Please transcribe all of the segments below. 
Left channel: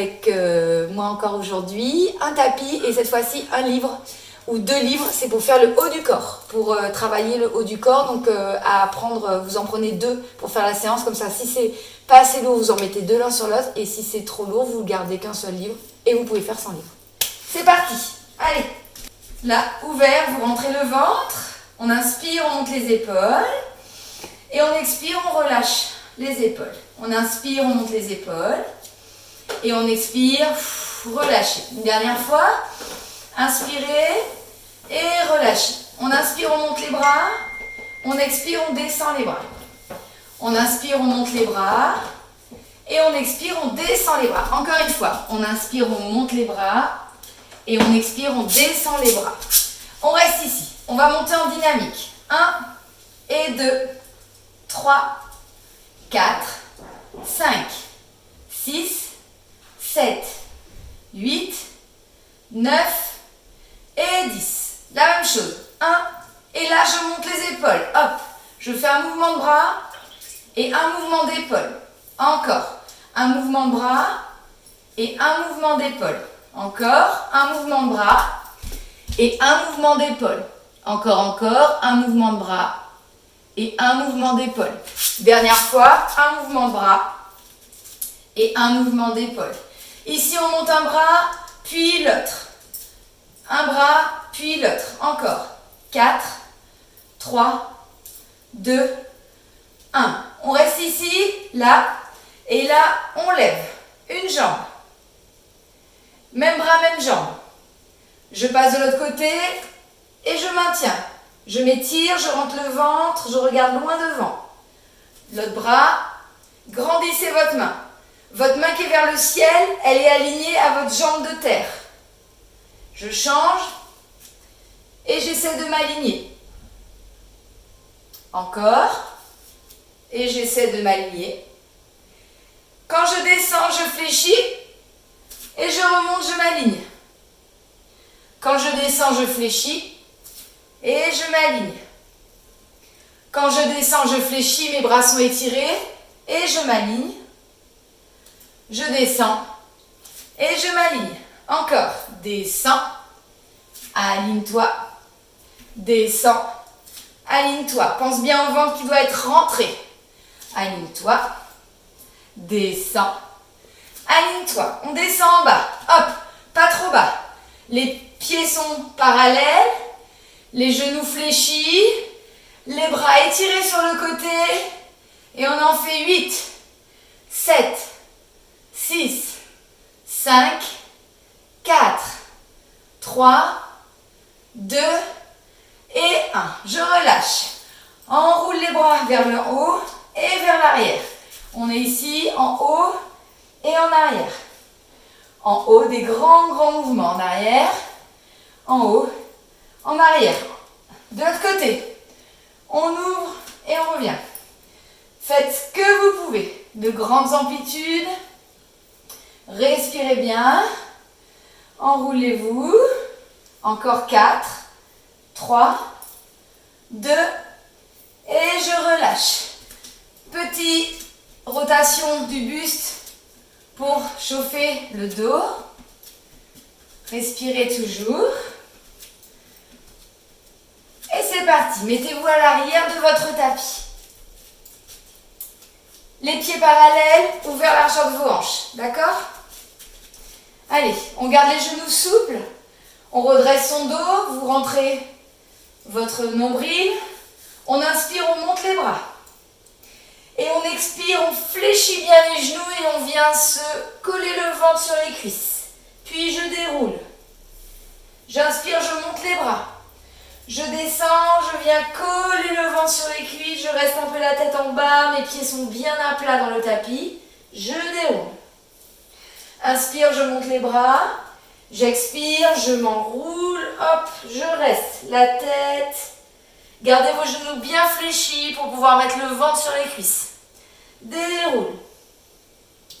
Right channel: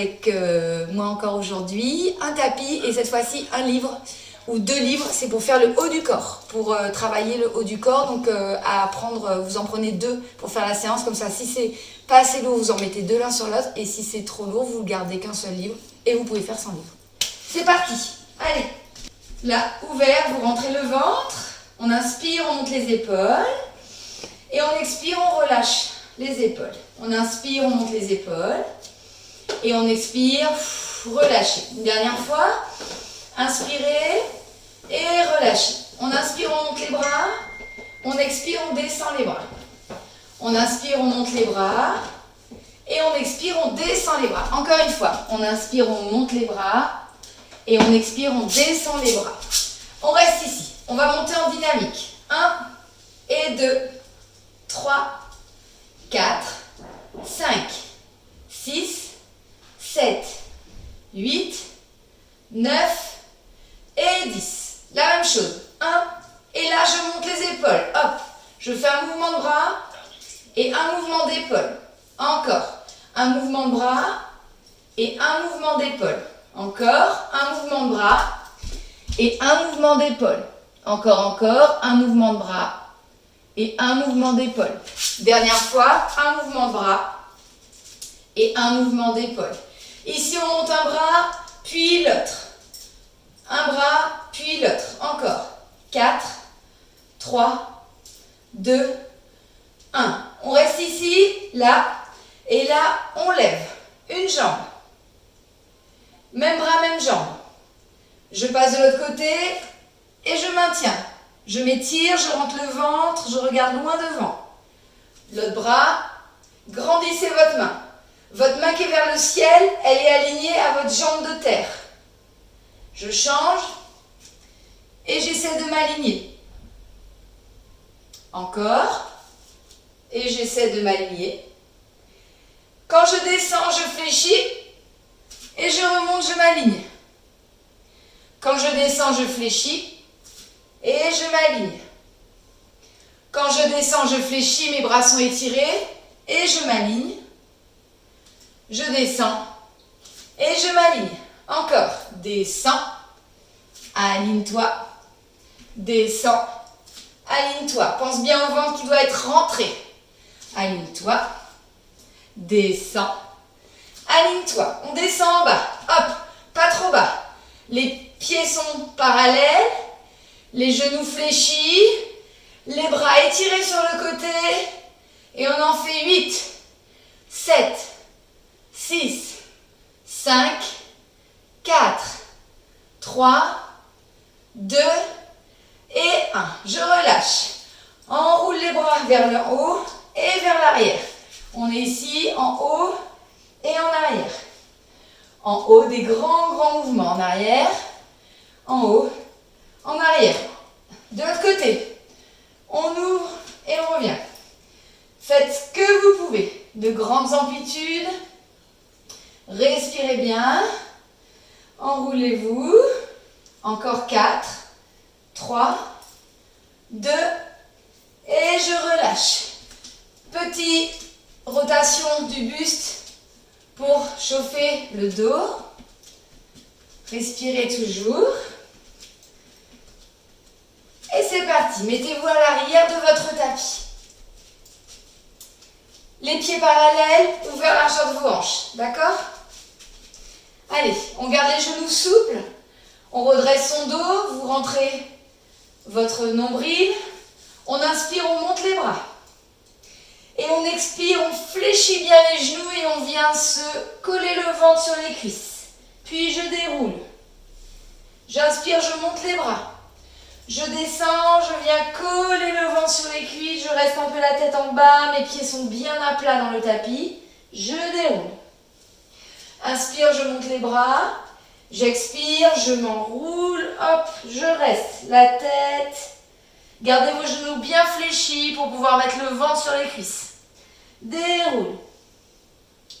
avec moi encore aujourd'hui, un tapis et cette fois-ci un livre ou 2 livres, c'est pour faire le haut du corps, pour travailler le haut du corps. Donc à prendre, vous en prenez 2 pour faire la séance, comme ça si c'est pas assez lourd, vous en mettez 2 l'un sur l'autre et si c'est trop lourd, vous gardez qu'un seul livre et vous pouvez faire sans livre. C'est parti, allez. Là, ouvert, vous rentrez le ventre, on inspire, on monte les épaules et on expire, on relâche les épaules. On inspire, on monte les épaules et on expire, relâchez. Une dernière fois, inspirez et relâchez. On inspire, on monte les bras, on expire, on descend les bras. On inspire, on monte les bras et on expire, on descend les bras. Encore une fois, on inspire, on monte les bras et on expire, on descend les bras. On reste ici, on va monter en dynamique. 1 et 2, 3, 4, 5, 6, 7, 8, 9 et 10. La même chose. 1 et là je monte les épaules. Hop, je fais un mouvement de bras et un mouvement d'épaule. Encore. Un mouvement de bras et un mouvement d'épaule. Encore. Un mouvement de bras et un mouvement d'épaule. Encore, un mouvement de bras et un mouvement d'épaule. Dernière fois, un mouvement de bras et un mouvement d'épaule. Ici, on monte un bras, puis l'autre. Un bras, puis l'autre. Encore. 4, 3, 2, 1. On reste ici, là, et là, on lève. Une jambe. Même bras, même jambe. Je passe de l'autre côté et je maintiens. Je m'étire, je rentre le ventre, je regarde loin devant. L'autre bras, grandissez votre main. Votre main qui est vers le ciel, elle est alignée à votre jambe de terre. Je change et j'essaie de m'aligner. Encore. Et j'essaie de m'aligner. Quand je descends, je fléchis et je remonte, je m'aligne. Quand je descends, je fléchis et je m'aligne. Quand je descends, je fléchis, mes bras sont étirés et je m'aligne. Je descends et je m'aligne. Encore. Descends. Aligne-toi. Descends. Aligne-toi. Pense bien au ventre qui doit être rentré. Aligne-toi. Descends. Aligne-toi. On descend en bas. Hop. Pas trop bas. Les pieds sont parallèles. Les genoux fléchis. Les bras étirés sur le côté. Et on en fait 8, 7, 6, 5, 4, 3, 2 et 1. Je relâche. Enroule les bras vers le haut et vers l'arrière. On est ici en haut et en arrière. En haut, des grands mouvements. En arrière, en haut, en arrière. De l'autre côté, on ouvre et on revient. Faites ce que vous pouvez. De grandes amplitudes. Respirez bien. Enroulez-vous. Encore 4, 3, 2 et je relâche. Petite rotation du buste pour chauffer le dos. Respirez toujours. Et c'est parti. Mettez-vous à l'arrière de votre tapis. Les pieds parallèles, ouverts la largeur de vos hanches. D'accord? Allez, on garde les genoux souples. On redresse son dos. Vous rentrez votre nombril. On inspire, on monte les bras. Et on expire, on fléchit bien les genoux et on vient se coller le ventre sur les cuisses. Puis je déroule. J'inspire, je monte les bras. Je descends, je viens coller le ventre sur les cuisses, je reste un peu la tête en bas, mes pieds sont bien à plat dans le tapis. Je déroule. Inspire, je monte les bras. J'expire, je m'enroule, hop, je reste. La tête. Gardez vos genoux bien fléchis pour pouvoir mettre le ventre sur les cuisses. Déroule.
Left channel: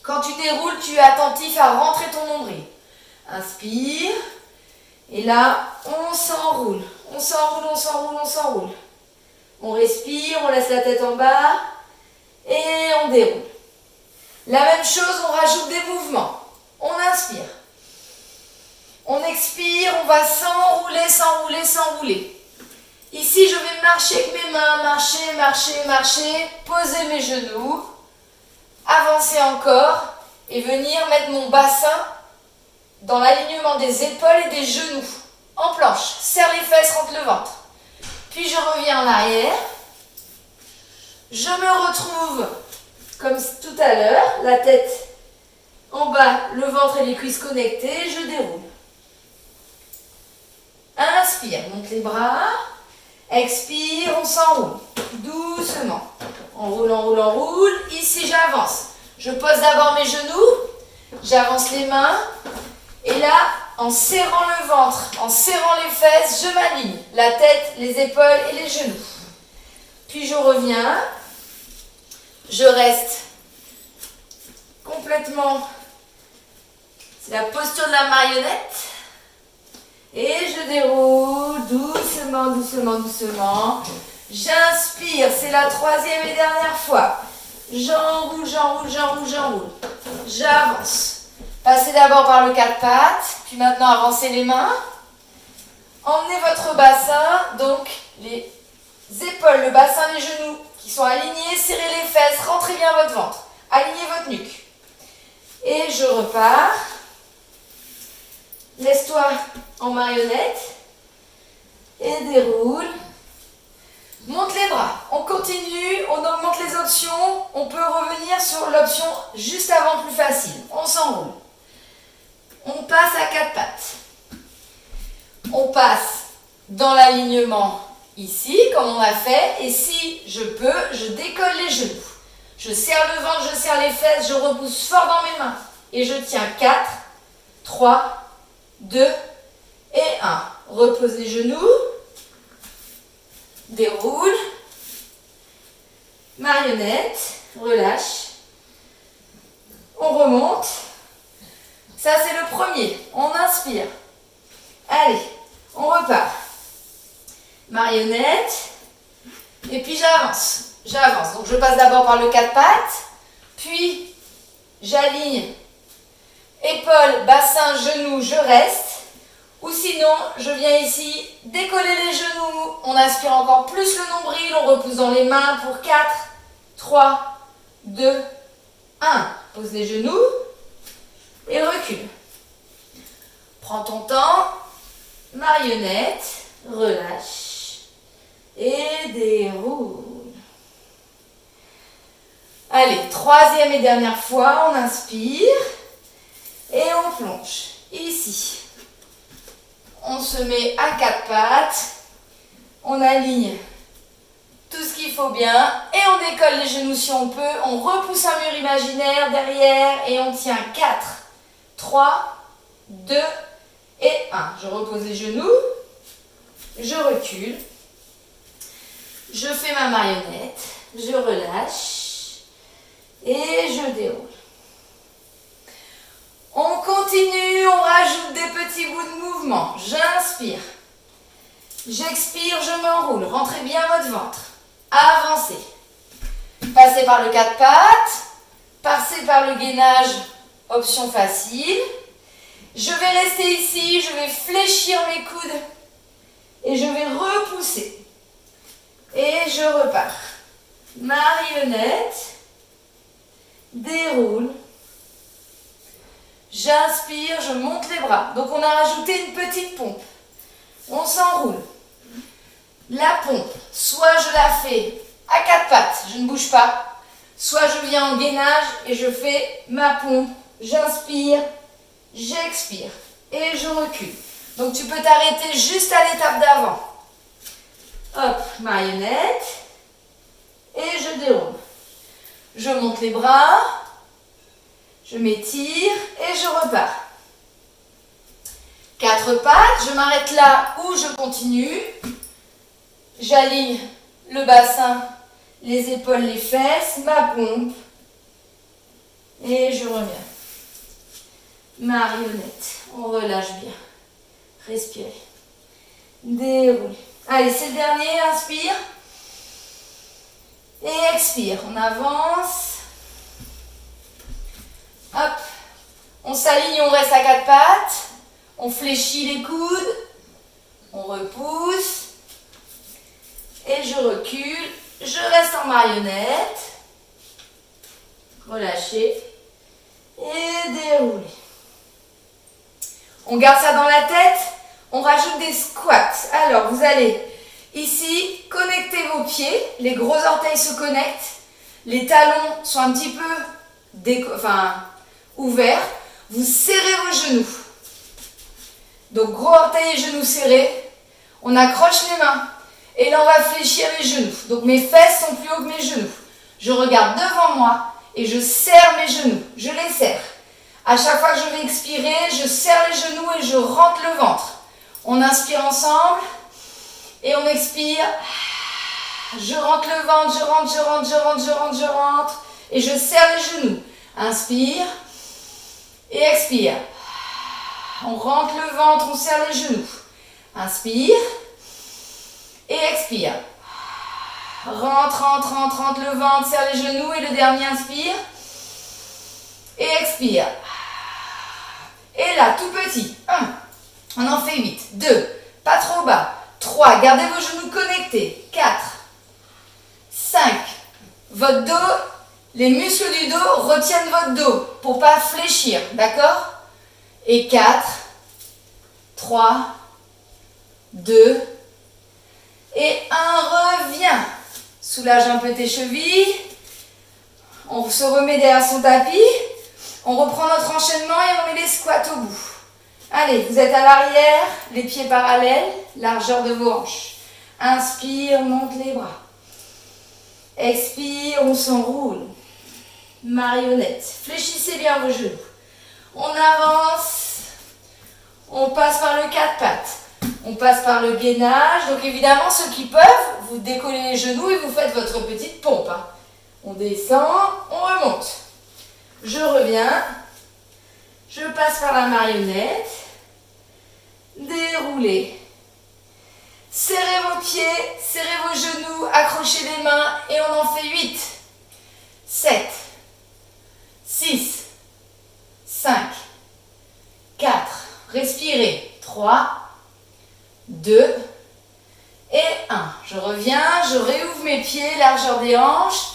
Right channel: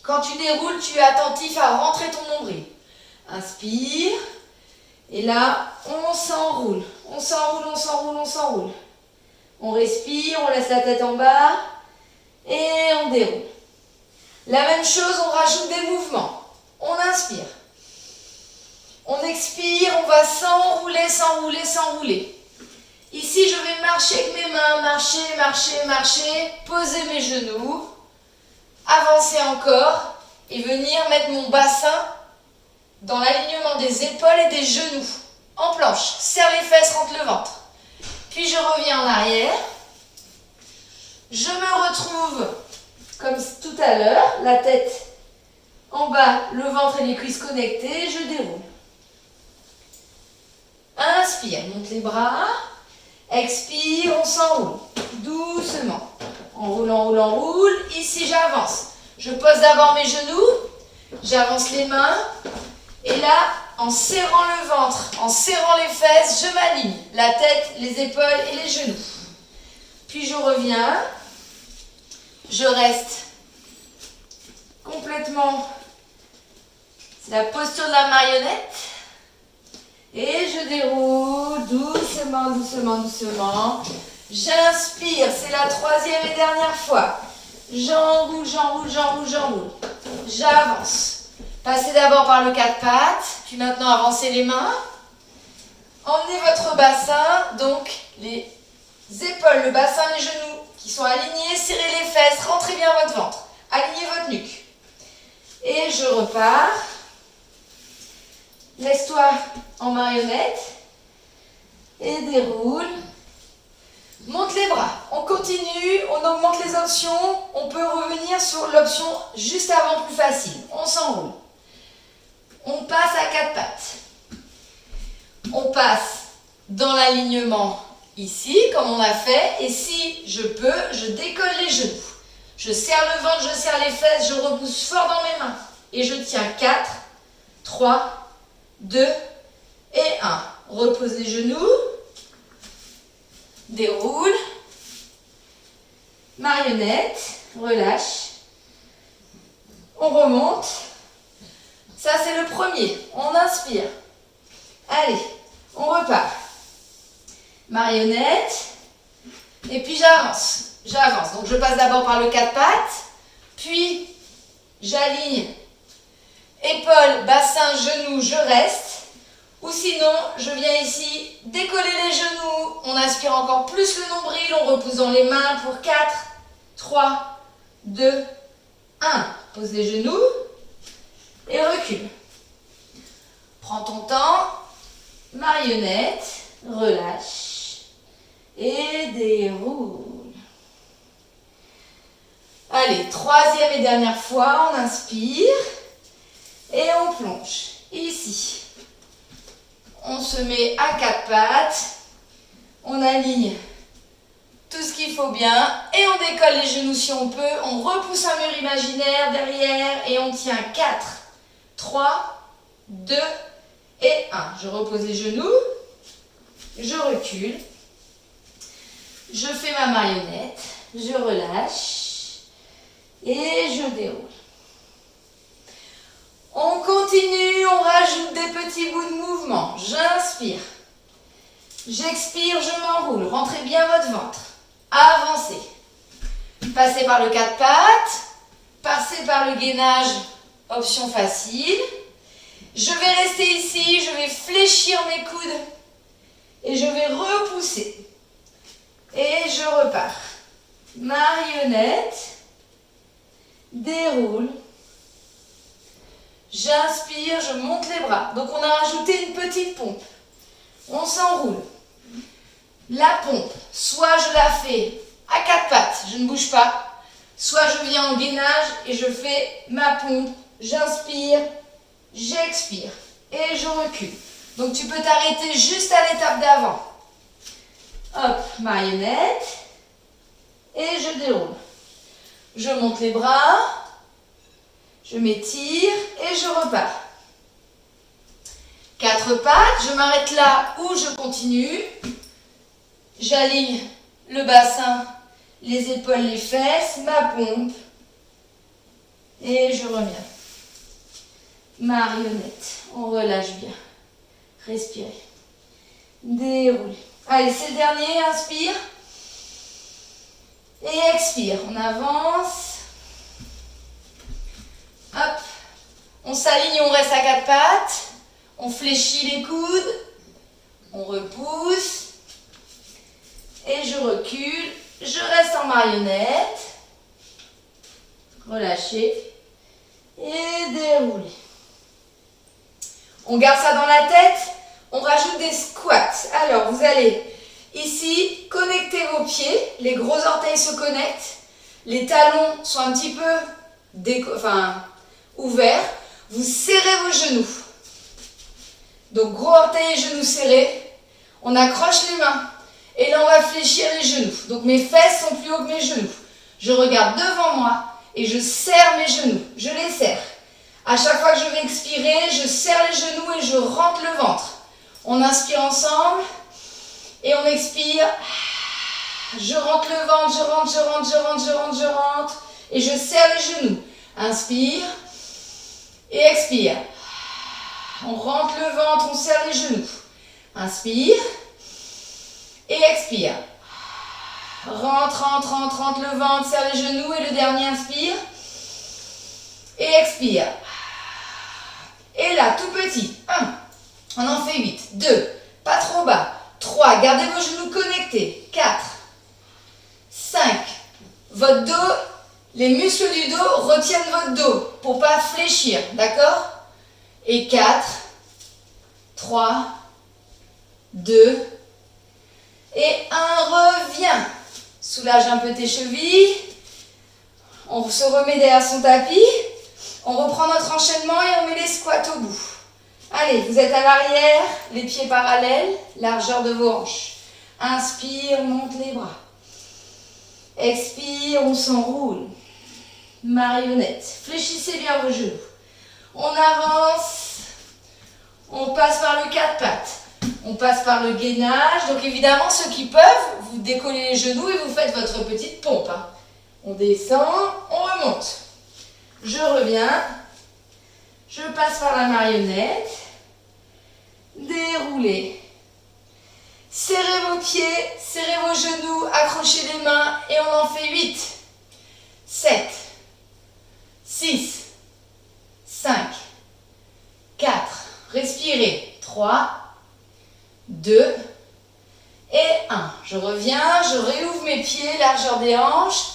Quand tu déroules, tu es attentif à rentrer ton nombril. Inspire. Et là, on s'enroule. On s'enroule, on s'enroule, on s'enroule. On respire, on laisse la tête en bas et on déroule. La même chose, on rajoute des mouvements. On inspire. On expire, on va s'enrouler, s'enrouler, s'enrouler. Ici, je vais marcher avec mes mains, marcher, marcher, marcher, poser mes genoux, avancer encore et venir mettre mon bassin dans l'alignement des épaules et des genoux, en planche. Serre les fesses, rentre le ventre. Puis je reviens en arrière. Je me retrouve comme tout à l'heure, la tête en bas, le ventre et les cuisses connectés, je déroule. Inspire, monte les bras. Expire, on s'enroule. Doucement. On roule, on roule, on roule. Ici, j'avance. Je pose d'abord mes genoux. J'avance les mains. Et là, en serrant le ventre, en serrant les fesses, je m'aligne. La tête, les épaules et les genoux. Puis je reviens. Je reste complètement. C'est la posture de la marionnette. Et je déroule doucement, doucement, doucement. J'inspire, c'est la troisième et dernière fois. J'enroule, j'enroule, j'enroule, j'enroule. J'avance. Passez d'abord par le quatre pattes, puis maintenant avancez les mains. Emmenez votre bassin, donc les épaules, le bassin, les genoux qui sont alignés. Serrez les fesses, rentrez bien votre ventre. Alignez votre nuque. Et je repars. Laisse-toi en marionnette et déroule. Monte les bras. On continue, on augmente les options. On peut revenir sur l'option juste avant plus facile. On s'enroule. On passe à quatre pattes. On passe dans l'alignement ici, comme on a fait. Et si je peux, je décolle les genoux. Je serre le ventre, je serre les fesses, je repousse fort dans mes mains. Et je tiens 4, 3, 2 et 1. Repose les genoux. Déroule. Marionnette. Relâche. On remonte. Ça, c'est le premier. On inspire. Allez, on repart. Marionnette. Et puis j'avance. J'avance. Donc je passe d'abord par le quatre pattes. Puis j'aligne. Épaules, bassin, genoux, je reste. Ou sinon, je viens ici décoller les genoux. On inspire encore plus le nombril. On repousse dans les mains pour 4, 3, 2, 1. Pose les genoux et recule. Prends ton temps. Marionnette. Relâche. Et déroule. Allez, troisième et dernière fois. On inspire. Et on plonge. Ici. On se met à quatre pattes. On aligne tout ce qu'il faut bien. Et on décolle les genoux si on peut. On repousse un mur imaginaire derrière. Et on tient 4, 3, 2 et 1. Je repose les genoux. Je recule. Je fais ma marionnette. Je relâche. Et je déroule. On continue, on rajoute des petits bouts de mouvement. J'inspire. J'expire, je m'enroule. Rentrez bien votre ventre. Avancez. Passez par le quatre pattes. Passez par le gainage, option facile. Je vais rester ici, je vais fléchir mes coudes. Et je vais repousser. Et je repars. Marionnette. Déroule. J'inspire, je monte les bras. Donc on a rajouté une petite pompe. On s'enroule. La pompe, soit je la fais à quatre pattes, je ne bouge pas. Soit je viens en gainage et je fais ma pompe. J'inspire, j'expire et je recule. Donc tu peux t'arrêter juste à l'étape d'avant. Hop, marionnette. Et je déroule. Je monte les bras. Je m'étire et je repars. Quatre pattes, je m'arrête là où je continue. J'aligne le bassin, les épaules, les fesses, ma pompe. Et je reviens. Marionnette, on relâche bien. Respirez. Déroulez. Allez, c'est le dernier, inspire. Et expire, on avance. Hop, On s'aligne, on reste à quatre pattes. On fléchit les coudes. On repousse. Et je recule. Je reste en marionnette. Relâchez. Et déroulez. On garde ça dans la tête. On rajoute des squats. Alors, vous allez ici connecter vos pieds. Les gros orteils se connectent. Les talons sont un petit peu ouverts. Vous serrez vos genoux. Donc, gros orteils et genoux serrés. On accroche les mains. Et là, on va fléchir les genoux. Donc, mes fesses sont plus hautes que mes genoux. Je regarde devant moi et je serre mes genoux. Je les serre. À chaque fois que je vais expirer, je serre les genoux et je rentre le ventre. On inspire ensemble et on expire. Je rentre le ventre, je rentre. Et je serre les genoux. Inspire et expire. On rentre le ventre, on serre les genoux. Inspire et expire. Rentre le ventre, serre les genoux. Et le dernier, inspire et expire. Et là, tout petit. 1, on en fait 8. 2, pas trop bas. 3, gardez vos genoux connectés. 4, 5, votre dos, les muscles du dos retiennent votre dos pour ne pas fléchir, d'accord? Et 4, 3, 2, et 1, reviens. Soulage un peu tes chevilles. On se remet derrière son tapis. On reprend notre enchaînement et on met les squats au bout. Allez, vous êtes à l'arrière, les pieds parallèles, largeur de vos hanches. Inspire, monte les bras. Expire, on s'enroule. Marionnette. Fléchissez bien vos genoux. On avance. On passe par le quatre pattes. On passe par le gainage. Donc évidemment, ceux qui peuvent, vous décollez les genoux et vous faites votre petite pompe. On descend, on remonte. Je reviens. Je passe par la marionnette. Déroulez. Serrez vos pieds, serrez vos genoux, accrochez les mains et on en fait 8, 7, 6, 5, 4, respirez, 3, 2 et 1. Je reviens, je réouvre mes pieds, largeur des hanches.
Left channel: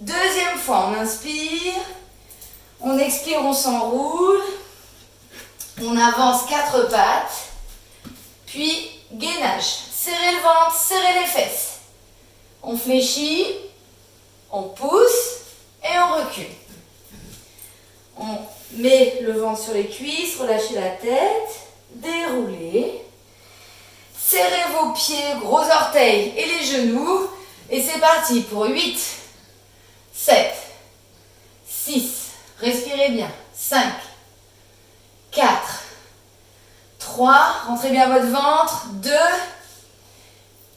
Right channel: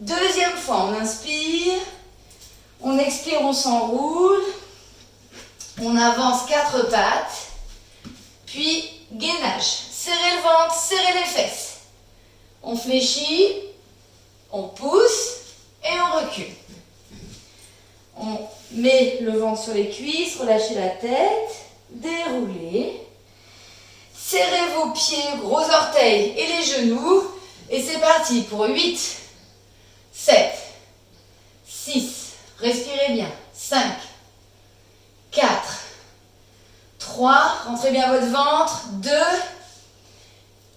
Deuxième fois, on inspire, on expire, on s'enroule, on avance 4 pattes, puis gainage. Serrez le ventre, serrez les fesses. On fléchit, on pousse et on recule. On met le ventre sur les cuisses, relâchez la tête, déroulez. Serrez vos pieds, gros orteils et les genoux. Et c'est parti pour 8, 7, 6, respirez bien, 5, 4, 3, rentrez bien votre ventre, 2,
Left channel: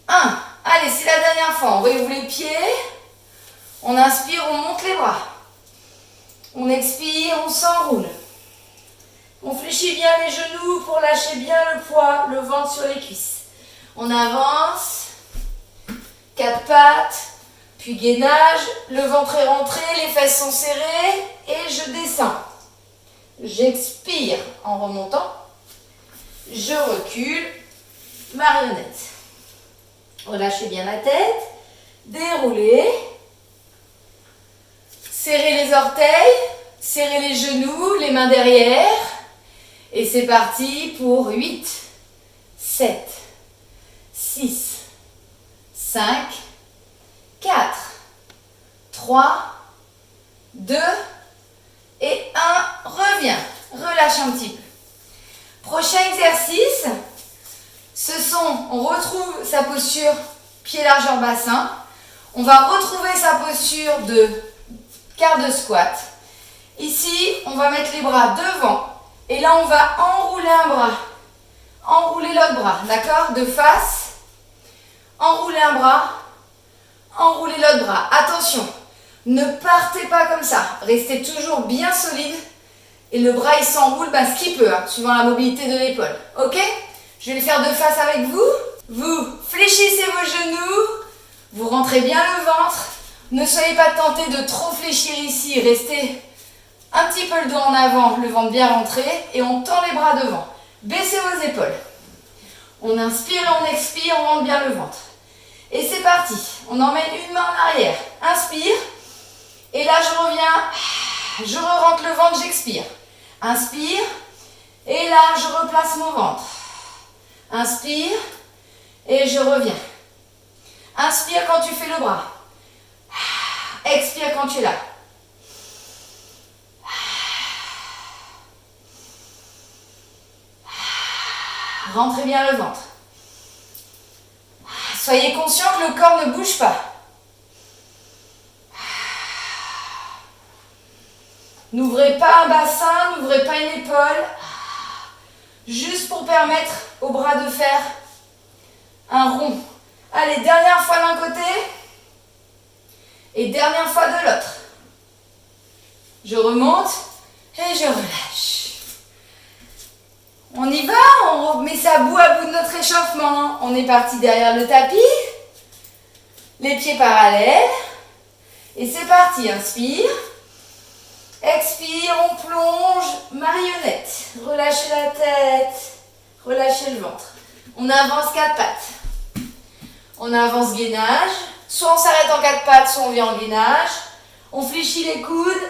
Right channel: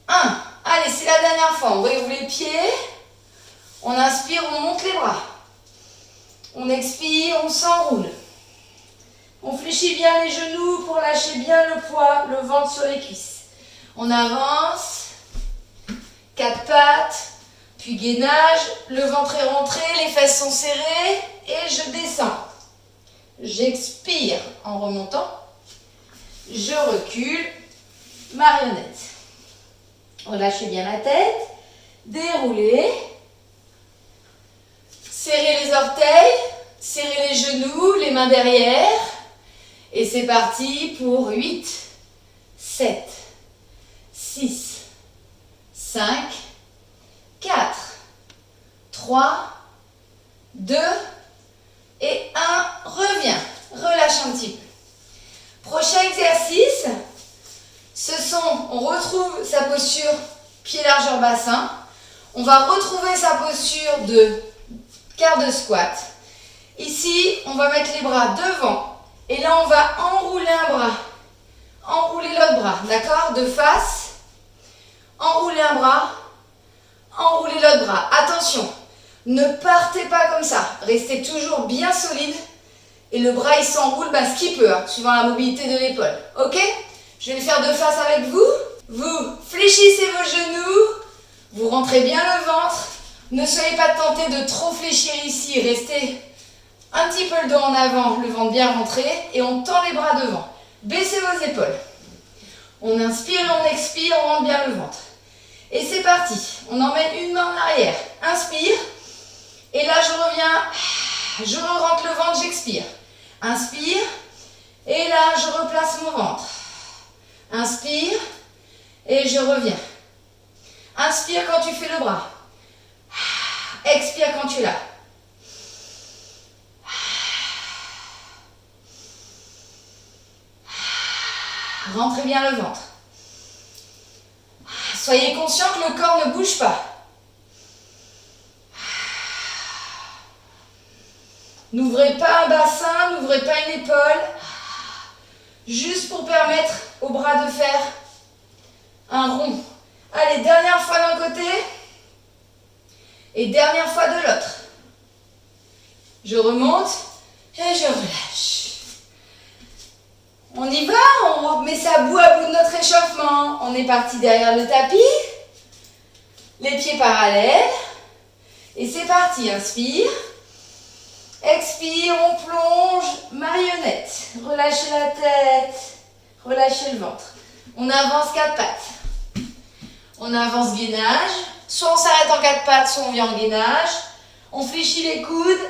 1. Allez, c'est la dernière fois. On réouvre les pieds. On inspire, on monte les bras. On expire, on s'enroule. On fléchit bien les genoux pour lâcher bien le poids, le ventre sur les cuisses. On avance. 4 pattes. Puis gainage. Le ventre est rentré, les fesses sont serrées. Et je descends. J'expire en remontant. Je recule. Marionnette. Relâchez bien la tête, déroulez, serrez les orteils, serrez les genoux, les mains derrière. Et c'est parti pour 8, 7, 6, 5, 4, 3, 2 et 1. Reviens, relâche un petit peu. Prochain exercice. On retrouve sa posture pied largeur bassin. On va retrouver sa posture de quart de squat. Ici, on va mettre les bras devant. Et là, on va enrouler un bras. Enrouler l'autre bras, d'accord? De face. Enrouler un bras. Enrouler l'autre bras. Attention, ne partez pas comme ça. Restez toujours bien solide. Et le bras, il s'enroule ce qu'il peut, suivant la mobilité de l'épaule. Ok? Je vais le faire de face avec vous. Vous fléchissez vos genoux. Vous rentrez bien le ventre. Ne soyez pas tentés de trop fléchir ici. Restez Un petit peu le dos en avant, le ventre bien rentré et on tend les bras devant. Baissez vos épaules. On inspire et on expire, on rentre bien le ventre. Et c'est parti. On emmène une main en arrière. Inspire. Et là, je reviens. Je rentre le ventre, j'expire. Inspire. Et là, je replace mon ventre. Inspire. Et je reviens. Inspire quand tu fais le bras. Expire quand tu l'as. Rentrez bien le ventre. Soyez conscient que le corps ne bouge pas. N'ouvrez pas un bassin, n'ouvrez pas une épaule. Juste pour permettre aux bras de faire un rond. Allez, dernière fois d'un côté. Et dernière fois de l'autre. Je remonte et je relâche. On y va, on met ça bout à bout de notre échauffement. On est parti derrière le tapis. Les pieds parallèles. Et c'est parti, inspire. Expire, on plonge, marionnette. Relâchez la tête, relâchez le ventre. On avance 4 pattes. On avance gainage. Soit on s'arrête en 4 pattes, soit on vient en gainage. On fléchit les coudes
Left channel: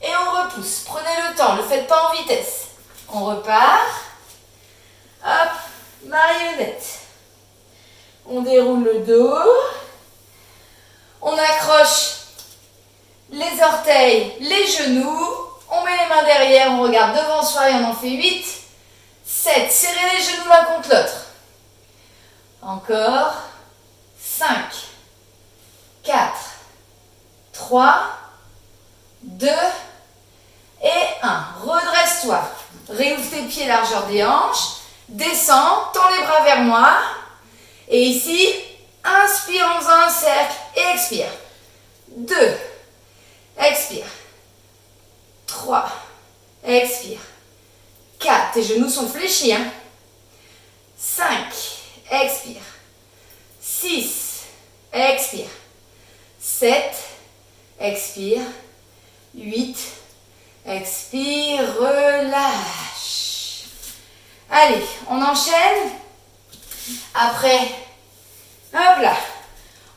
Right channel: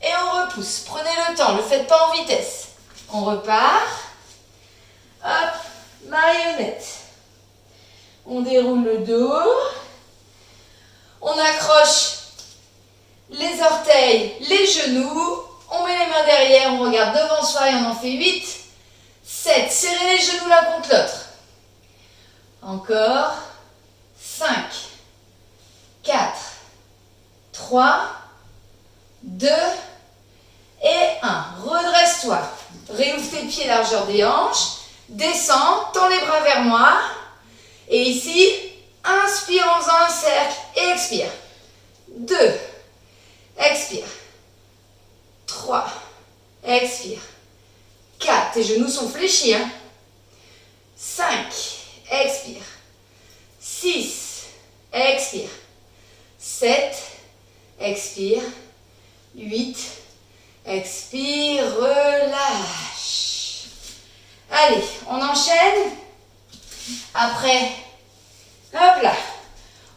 et on repousse. Prenez le temps, ne le faites pas en vitesse. On repart. Hop, marionnette. On déroule le dos. On accroche les orteils, les genoux. On met les mains derrière, on regarde devant soi et on en fait 8. 7. Serrez les genoux l'un contre l'autre. Encore. 5. 4. 3. 2. Et 1. Redresse-toi. Réouvre tes pieds largeur des hanches. Descends, tends les bras vers moi. Et ici, inspire en faisant un cercle et expire. 2. Expire. 3. Expire. 4. Tes genoux sont fléchis. 5. Expire. 6. Expire. 7. Expire. 8. Expire. Relâche. Allez, on enchaîne. Après, hop là.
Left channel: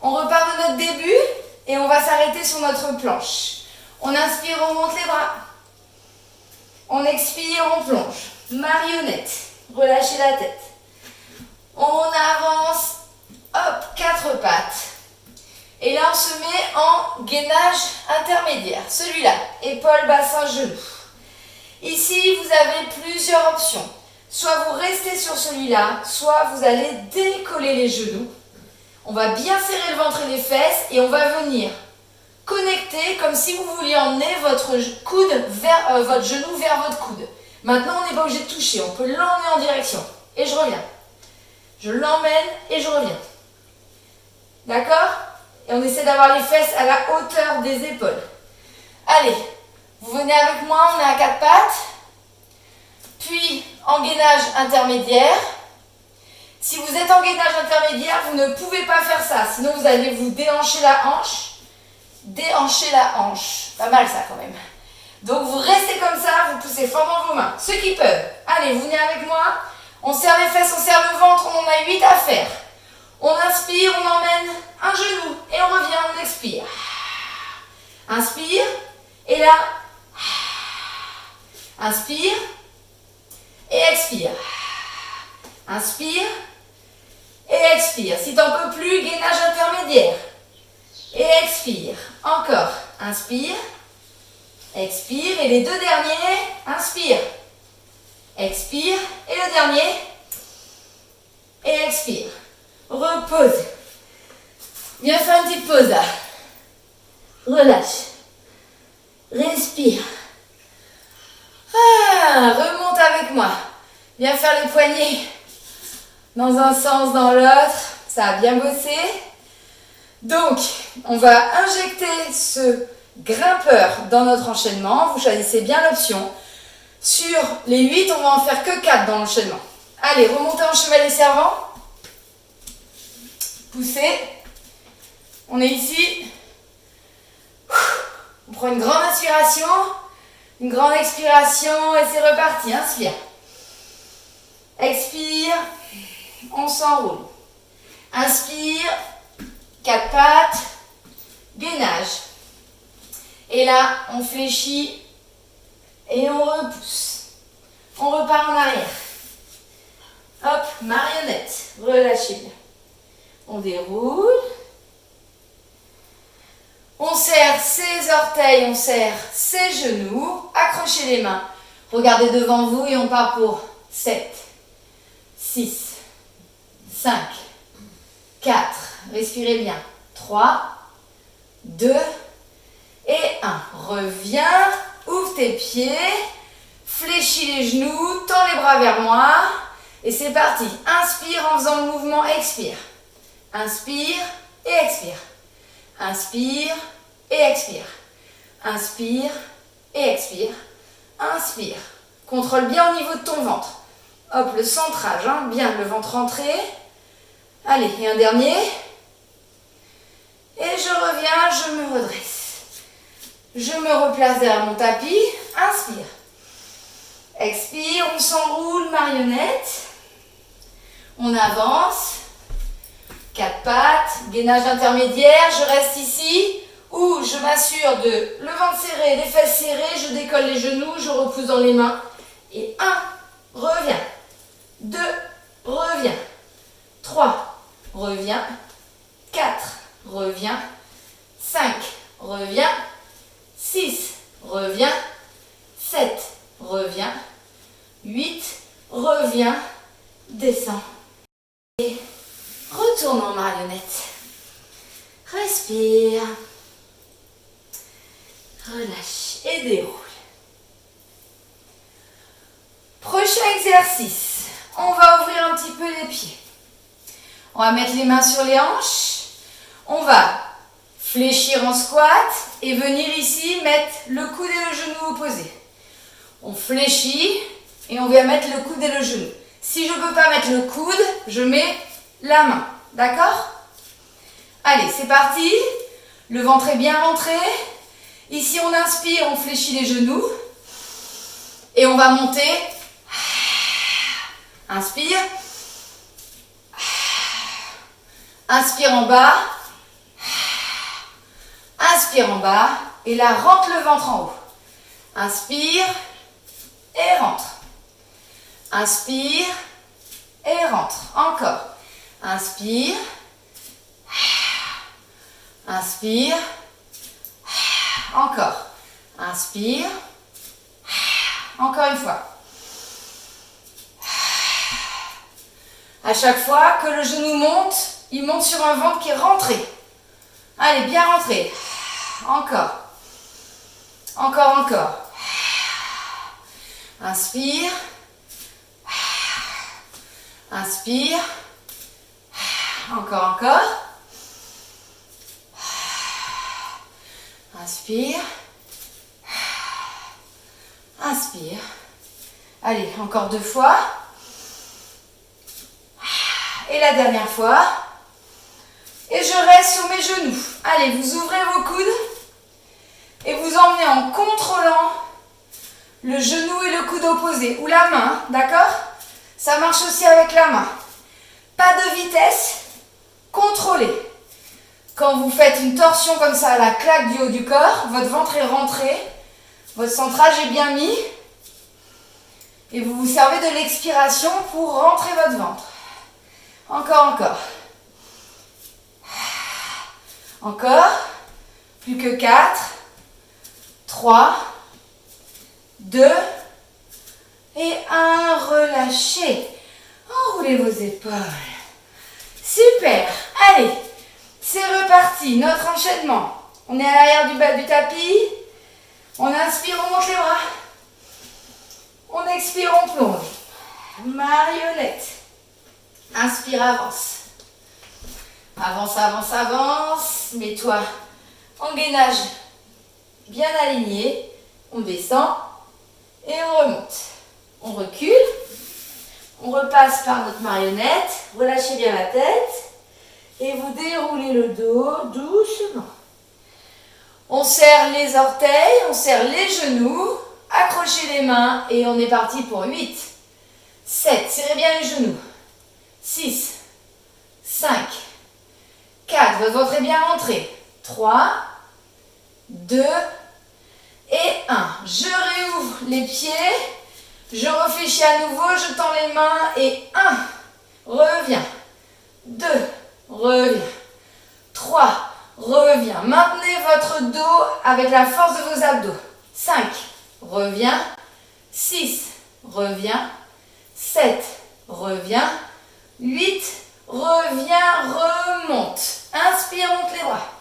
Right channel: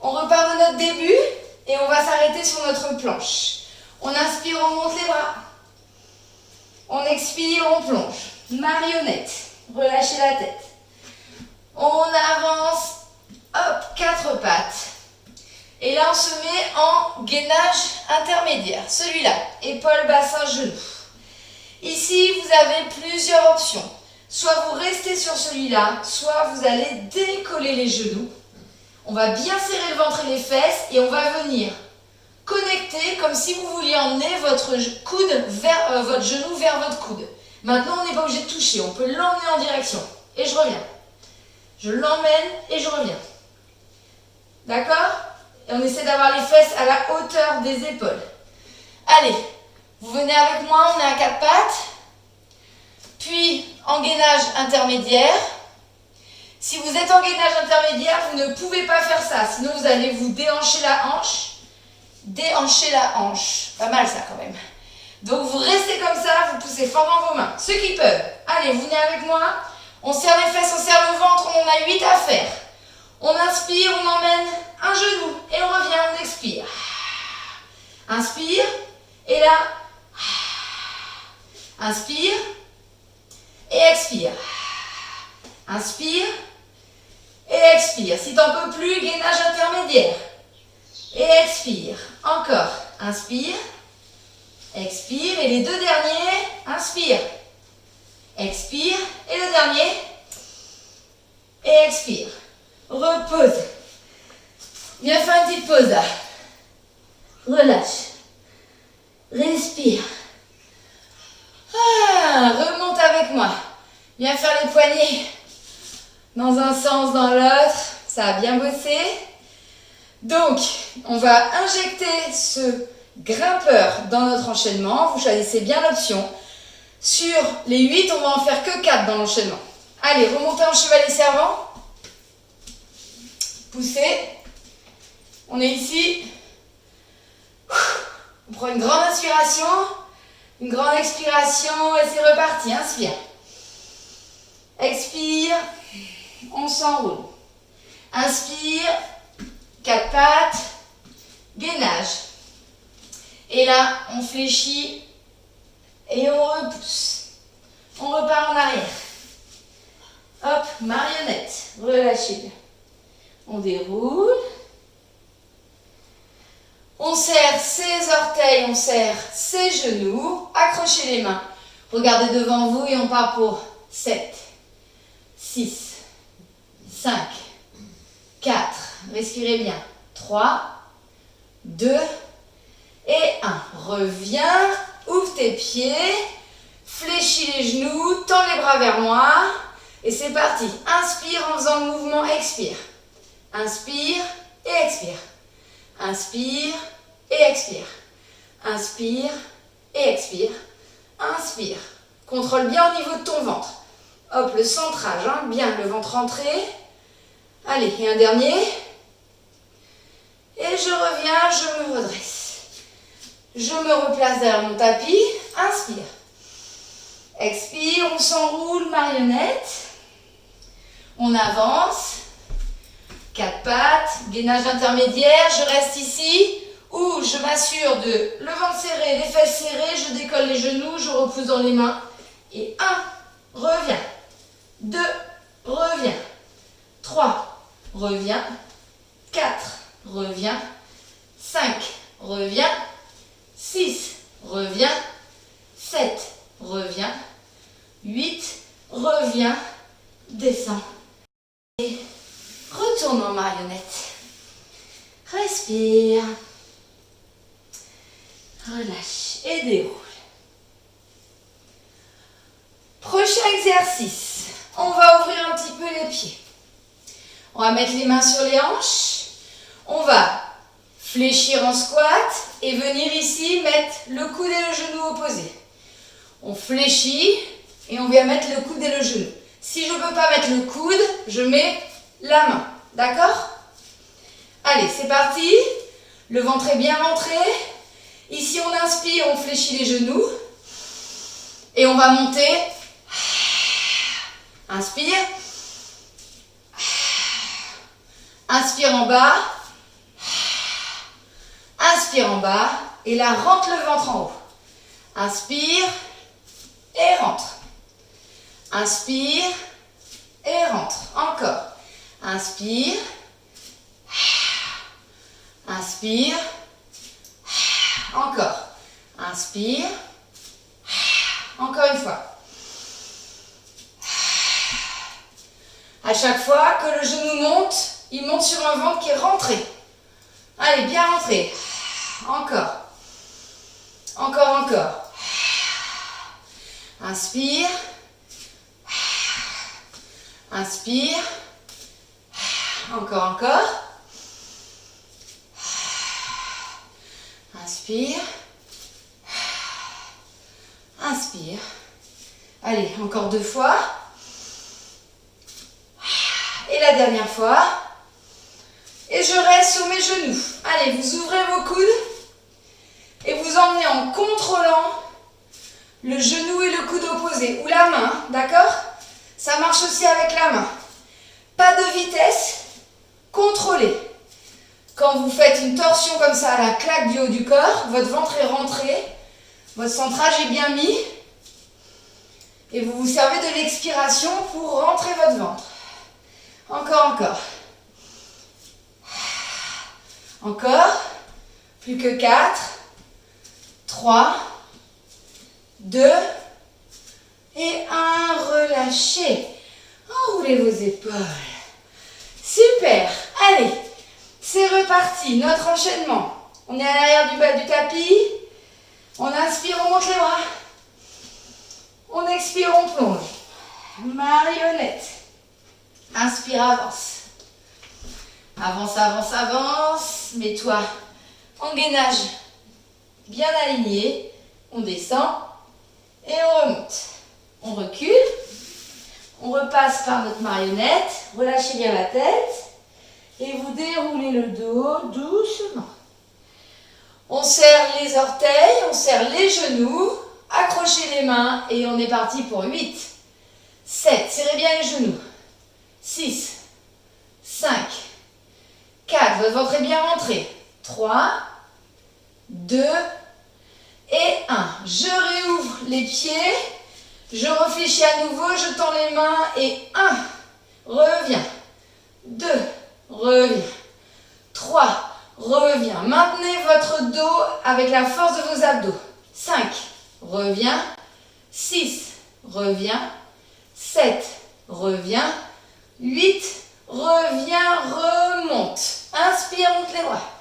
On repart de notre début et on va s'arrêter sur notre planche. On inspire, on monte les bras. On expire, on plonge. Marionnette. Relâchez la tête. On avance. Hop, 4 pattes. Et là, on se met en gainage intermédiaire. Celui-là, épaule, bassin, genou. Ici, vous avez plusieurs options. Soit vous restez sur celui-là, soit vous allez décoller les genoux. On va bien serrer le ventre et les fesses et on va venir connecter comme si vous vouliez emmener votre coude vers votre genou vers votre coude. Maintenant, on n'est pas obligé de toucher, on peut l'emmener en direction. Et je reviens. Je l'emmène et je reviens. D'accord? Et on essaie d'avoir les fesses à la hauteur des épaules. Allez, vous venez avec moi, on est à 4 pattes. Puis, en gainage intermédiaire. Si vous êtes en gainage intermédiaire, vous ne pouvez pas faire ça. Sinon, vous allez vous déhancher la hanche. Déhancher la hanche. Pas mal ça quand même. Donc, vous restez comme ça, vous poussez fort dans vos mains. Ceux qui peuvent, allez, vous venez avec moi. On serre les fesses, on serre le ventre, on en a 8 à faire. On inspire, on emmène un genou et on revient, on expire. Inspire et là, inspire et expire. Inspire et expire. Si tu n'en peux plus, gainage intermédiaire. Et expire. Encore. Inspire. Expire. Et les deux derniers, inspire. Expire. Et le dernier. Et expire. Repose. Viens faire une petite pause là. Relâche. Respire. Remonte avec moi. Viens faire les poignets dans un sens, dans l'autre. Ça a bien bossé. Donc, on va injecter ce grimpeur dans notre enchaînement. Vous choisissez bien l'option. Sur les 8, on va en faire que 4 dans l'enchaînement. Allez, remontez en chevalet servant. Poussez. On est ici. On prend une grande inspiration. Une grande expiration et c'est reparti. Inspire. Expire. On s'enroule. Inspire. 4 pattes. Gainage. Et là, on fléchit et on repousse. On repart en arrière. Hop, marionnette. Relâchez bien. On déroule. On serre ses orteils, on serre ses genoux. Accrochez les mains. Regardez devant vous et on part pour 7, 6, 5, 4. Respirez bien. 3, 2 et 1. Reviens. Ouvre tes pieds. Fléchis les genoux. Tends les bras vers moi. Et c'est parti. Inspire en faisant le mouvement. Expire. Inspire et expire. Inspire et expire. Inspire et expire. Inspire. Contrôle bien au niveau de ton ventre. Hop, le centrage, hein, bien le ventre rentré. Allez, et un dernier. Et je reviens, je me redresse. Je me replace derrière mon tapis. Inspire. Expire, on s'enroule, marionnette. On avance. 4 pattes, gainage intermédiaire, je reste ici, ou je m'assure de le ventre serré, les fesses serrées, je décolle les genoux, je repousse dans les mains. Et 1, reviens. 2, reviens. 3, reviens. 4, reviens. 5, reviens. 6, reviens. 7, reviens. 8, reviens. Descends. Et retourne en marionnette. Respire. Relâche et déroule. Prochain exercice. On va ouvrir un petit peu les pieds. On va mettre les mains sur les hanches. On va fléchir en squat et venir ici mettre le coude et le genou opposés. On fléchit et on vient mettre le coude et le genou. Si je ne peux pas mettre le coude, je mets la main. D'accord? Allez, c'est parti. Le ventre est bien rentré. Ici, on inspire, on fléchit les genoux. Et on va monter. Inspire. Inspire en bas. Inspire en bas. Et là, rentre le ventre en haut. Inspire. Et rentre. Inspire. Et rentre. Encore. Inspire. Inspire. Encore. Inspire. Encore une fois. À chaque fois que le genou monte, il monte sur un ventre qui est rentré. Allez, bien rentré. Encore. Encore, encore. Inspire. Inspire. Encore, encore. Inspire. Inspire. Allez, encore 2 fois. Et la dernière fois. Et je reste sur mes genoux. Allez, vous ouvrez vos coudes. Et vous emmenez en contrôlant le genou et le coude opposé. Ou la main, d'accord? Ça marche aussi avec la main. Pas de vitesse. Contrôlez. Quand vous faites une torsion comme ça à la claque du haut du corps, votre ventre est rentré. Votre centrage est bien mis. Et vous vous servez de l'expiration pour rentrer votre ventre. Encore, encore. Encore. Plus que 4. 3. 2. Et 1. Relâchez. Enroulez vos épaules. Super. Allez. C'est reparti. Notre enchaînement. On est à l'arrière du bas du tapis. On inspire, on monte les bras. On expire, on plonge. Marionnette. Inspire, avance. Avance, avance, avance. Mets-toi en gainage bien aligné. On descend et on remonte. On recule. On repasse par notre marionnette. Relâchez bien la tête. Et vous déroulez le dos doucement. On serre les orteils, on serre les genoux. Accrochez les mains et on est parti pour 8, 7, serrez bien les genoux, 6, 5, 4, votre ventre est bien rentré, 3, 2 et 1. Je réouvre les pieds, je réfléchis à nouveau, je tends les mains et 1, reviens, 2, reviens, 3, reviens. Maintenez votre dos avec la force de vos abdos, 5, reviens, 6, reviens, 7, reviens, 8, reviens, remonte. Inspire, monte les bras.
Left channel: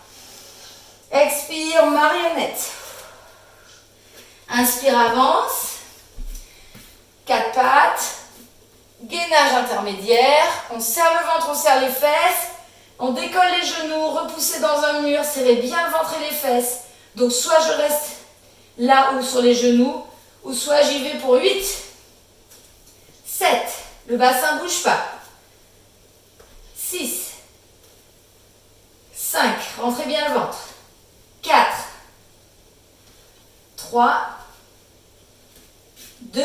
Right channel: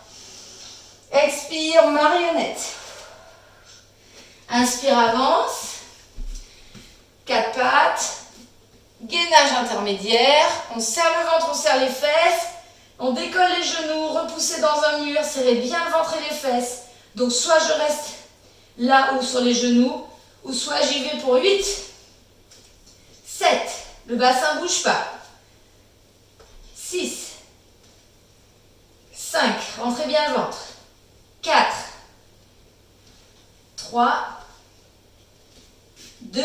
Expire, marionnette. Inspire, avance. 4 pattes. Gainage intermédiaire. On serre le ventre, on serre les fesses. On décolle les genoux, repoussez dans un mur, serrez bien le ventre et les fesses. Donc soit je reste là ou sur les genoux, ou soit j'y vais pour 8, 7, le bassin ne bouge pas, 6, 5, rentrez bien le ventre, 4, 3, 2,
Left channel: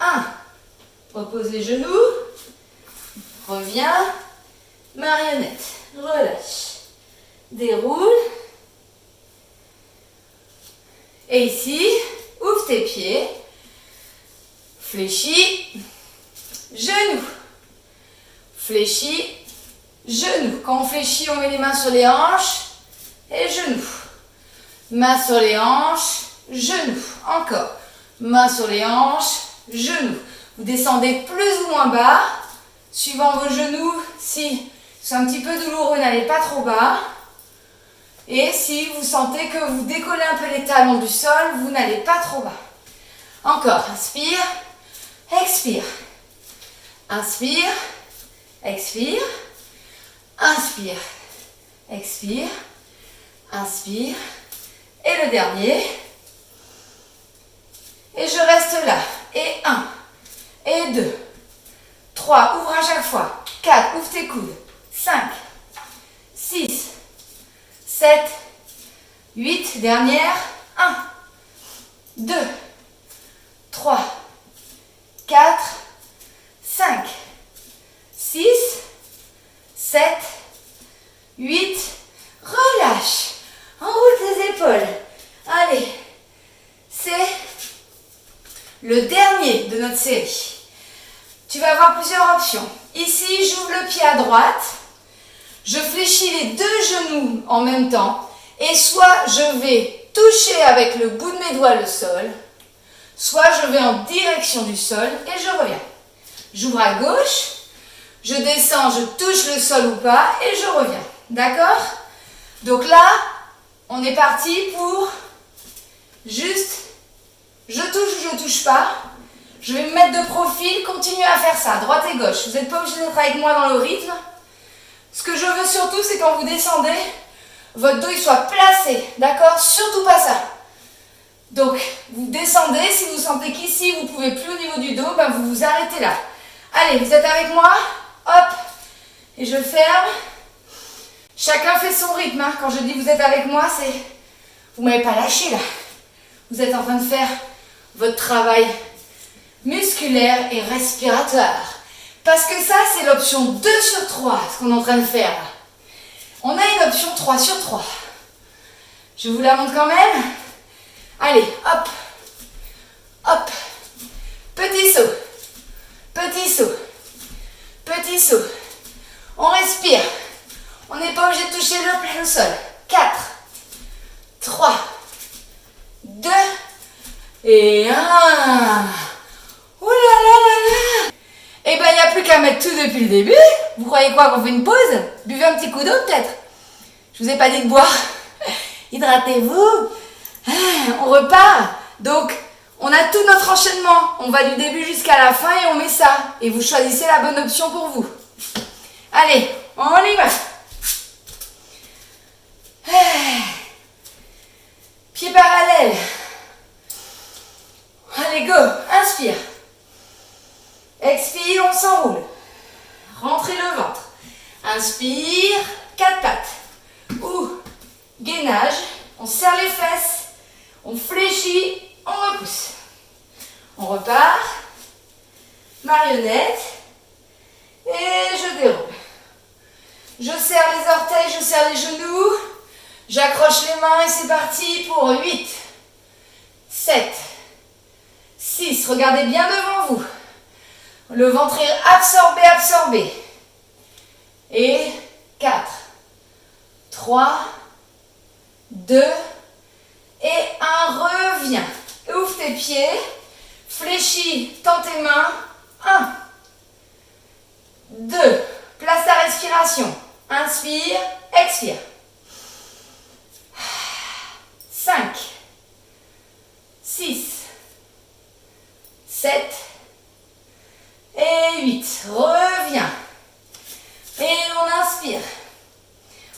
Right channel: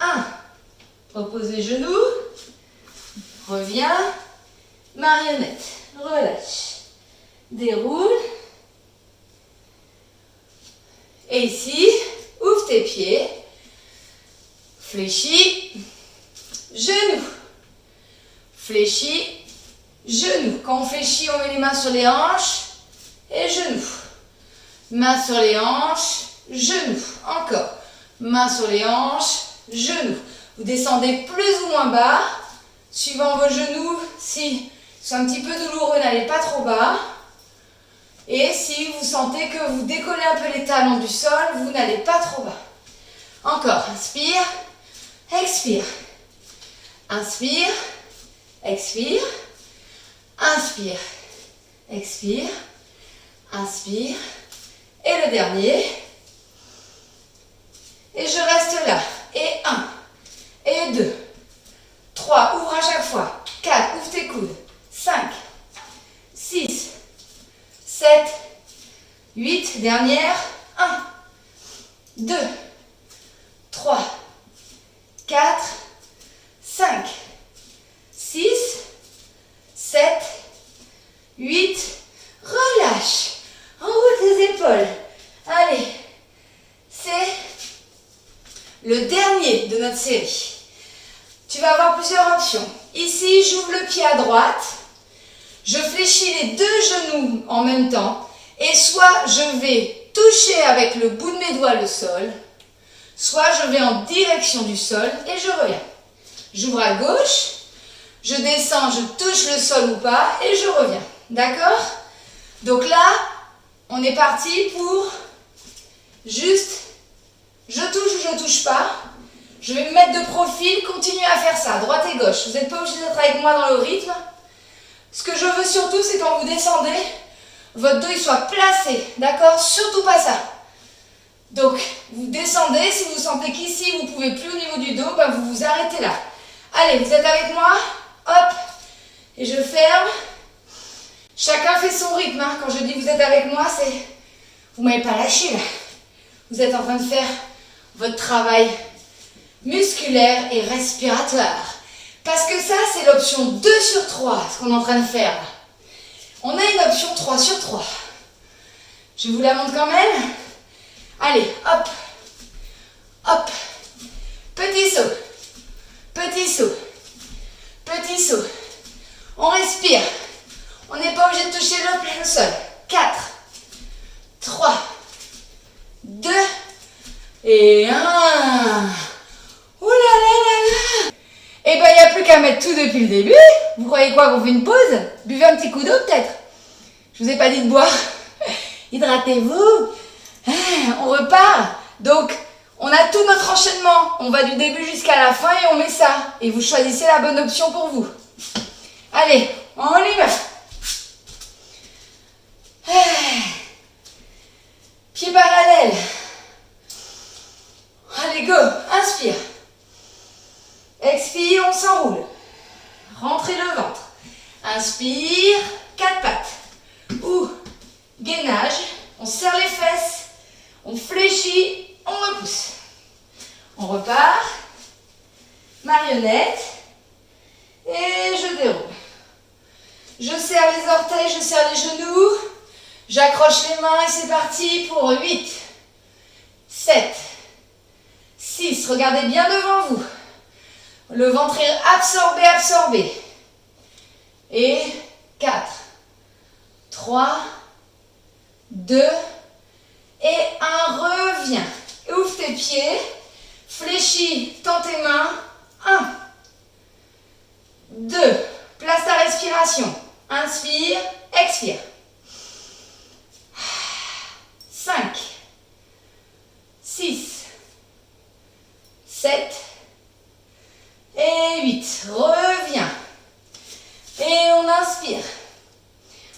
1. Repose les genoux, reviens, marionnette, relâche, déroule. Et ici, ouvre tes pieds, fléchis, genoux, fléchis, genoux. Quand on fléchit, on met les mains sur les hanches et genoux. Mains sur les hanches, genoux. Encore. Mains sur les hanches, genoux. Vous descendez plus ou moins bas, suivant vos genoux. Si c'est un petit peu douloureux, n'allez pas trop bas. Et si vous sentez que vous décollez un peu les talons du sol, vous n'allez pas trop bas. Encore, inspire, expire. Inspire, expire. Inspire, expire. Inspire. Et le dernier. Et je reste là. Et 1, et 2, 3, ouvre à chaque fois. 4, ouvre tes coudes. 5, 6, 7, 8, dernière, 1, 2, 3, 4, 5, 6, 7, 8, relâche, enroule tes épaules. Allez, c'est le dernier de notre série. Tu vas avoir plusieurs options. Ici, j'ouvre le pied à droite. Je fléchis les deux genoux en même temps et soit je vais toucher avec le bout de mes doigts le sol, soit je vais en direction du sol et je reviens. J'ouvre à gauche, je descends, je touche le sol ou pas et je reviens. D'accord? Donc là, on est parti pour juste, je touche ou je touche pas. Je vais me mettre de profil, continuez à faire ça, droite et gauche. Vous n'êtes pas obligé d'être avec moi dans le rythme. Ce que je veux surtout, c'est quand vous descendez, votre dos il soit placé, d'accord? Surtout pas ça. Donc, vous descendez, si vous sentez qu'ici, vous ne pouvez plus au niveau du dos, ben vous vous arrêtez là. Allez, vous êtes avec moi, hop, et je ferme. Chacun fait son rythme, hein. Quand je dis vous êtes avec moi, c'est, vous ne m'avez pas lâché là. Vous êtes en train de faire votre travail musculaire et respiratoire. Parce que ça, c'est l'option 2 sur 3, ce qu'on est en train de faire. On a une option 3 sur 3. Je vous la montre quand même. Allez, hop, hop, petit saut, petit saut, petit saut. On respire. On n'est pas obligé de toucher le sol. 4, 3, 2 et 1. Ouh là là là là. Eh ben, il n'y a plus qu'à mettre tout depuis le début. Vous croyez quoi, qu'on fait une pause? Buvez un petit coup d'eau peut-être. Je vous ai pas dit de boire. Hydratez-vous. On repart. Donc, on a tout notre enchaînement. On va du début jusqu'à la fin et on met ça. Et vous choisissez la bonne option pour vous. Allez, on y va. Pieds parallèles. Allez, go. Inspire. Expire, on s'enroule. Rentrez le ventre. Inspire, 4 pattes. Ou gainage, on serre les fesses. On fléchit, on repousse. On repart. Marionnette. Et je déroule. Je serre les orteils, je serre les genoux. J'accroche les mains et c'est parti pour 8, 7, 6. Regardez bien devant vous. Le ventre est absorbé, absorbé. Et 4, 3, 2 et 1. Reviens. Ouvre tes pieds. Fléchis, tends tes mains. 1, 2. Place ta respiration. Inspire, expire. 5, 6, 7 et 8. Reviens. Et on inspire.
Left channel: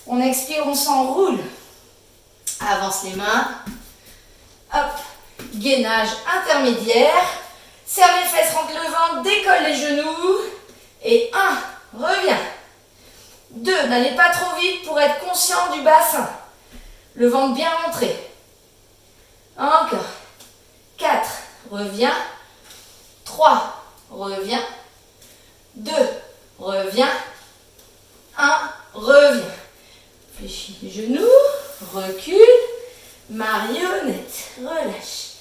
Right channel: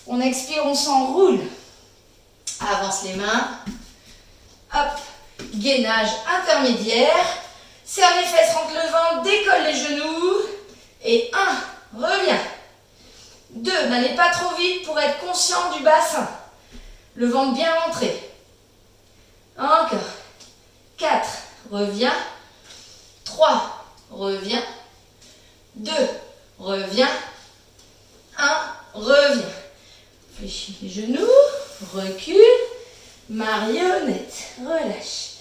On expire, on s'enroule. Avance les mains. Hop. Gainage intermédiaire. Serre les fesses, rentre le ventre, décolle les genoux. Et 1. Reviens. 2. N'allez pas trop vite pour être conscient du bassin. Le ventre bien rentré. Encore. 4. Reviens. 3. Reviens. 2. Reviens. 1. Reviens. Fléchis les genoux. Recule. Marionnette. Relâche.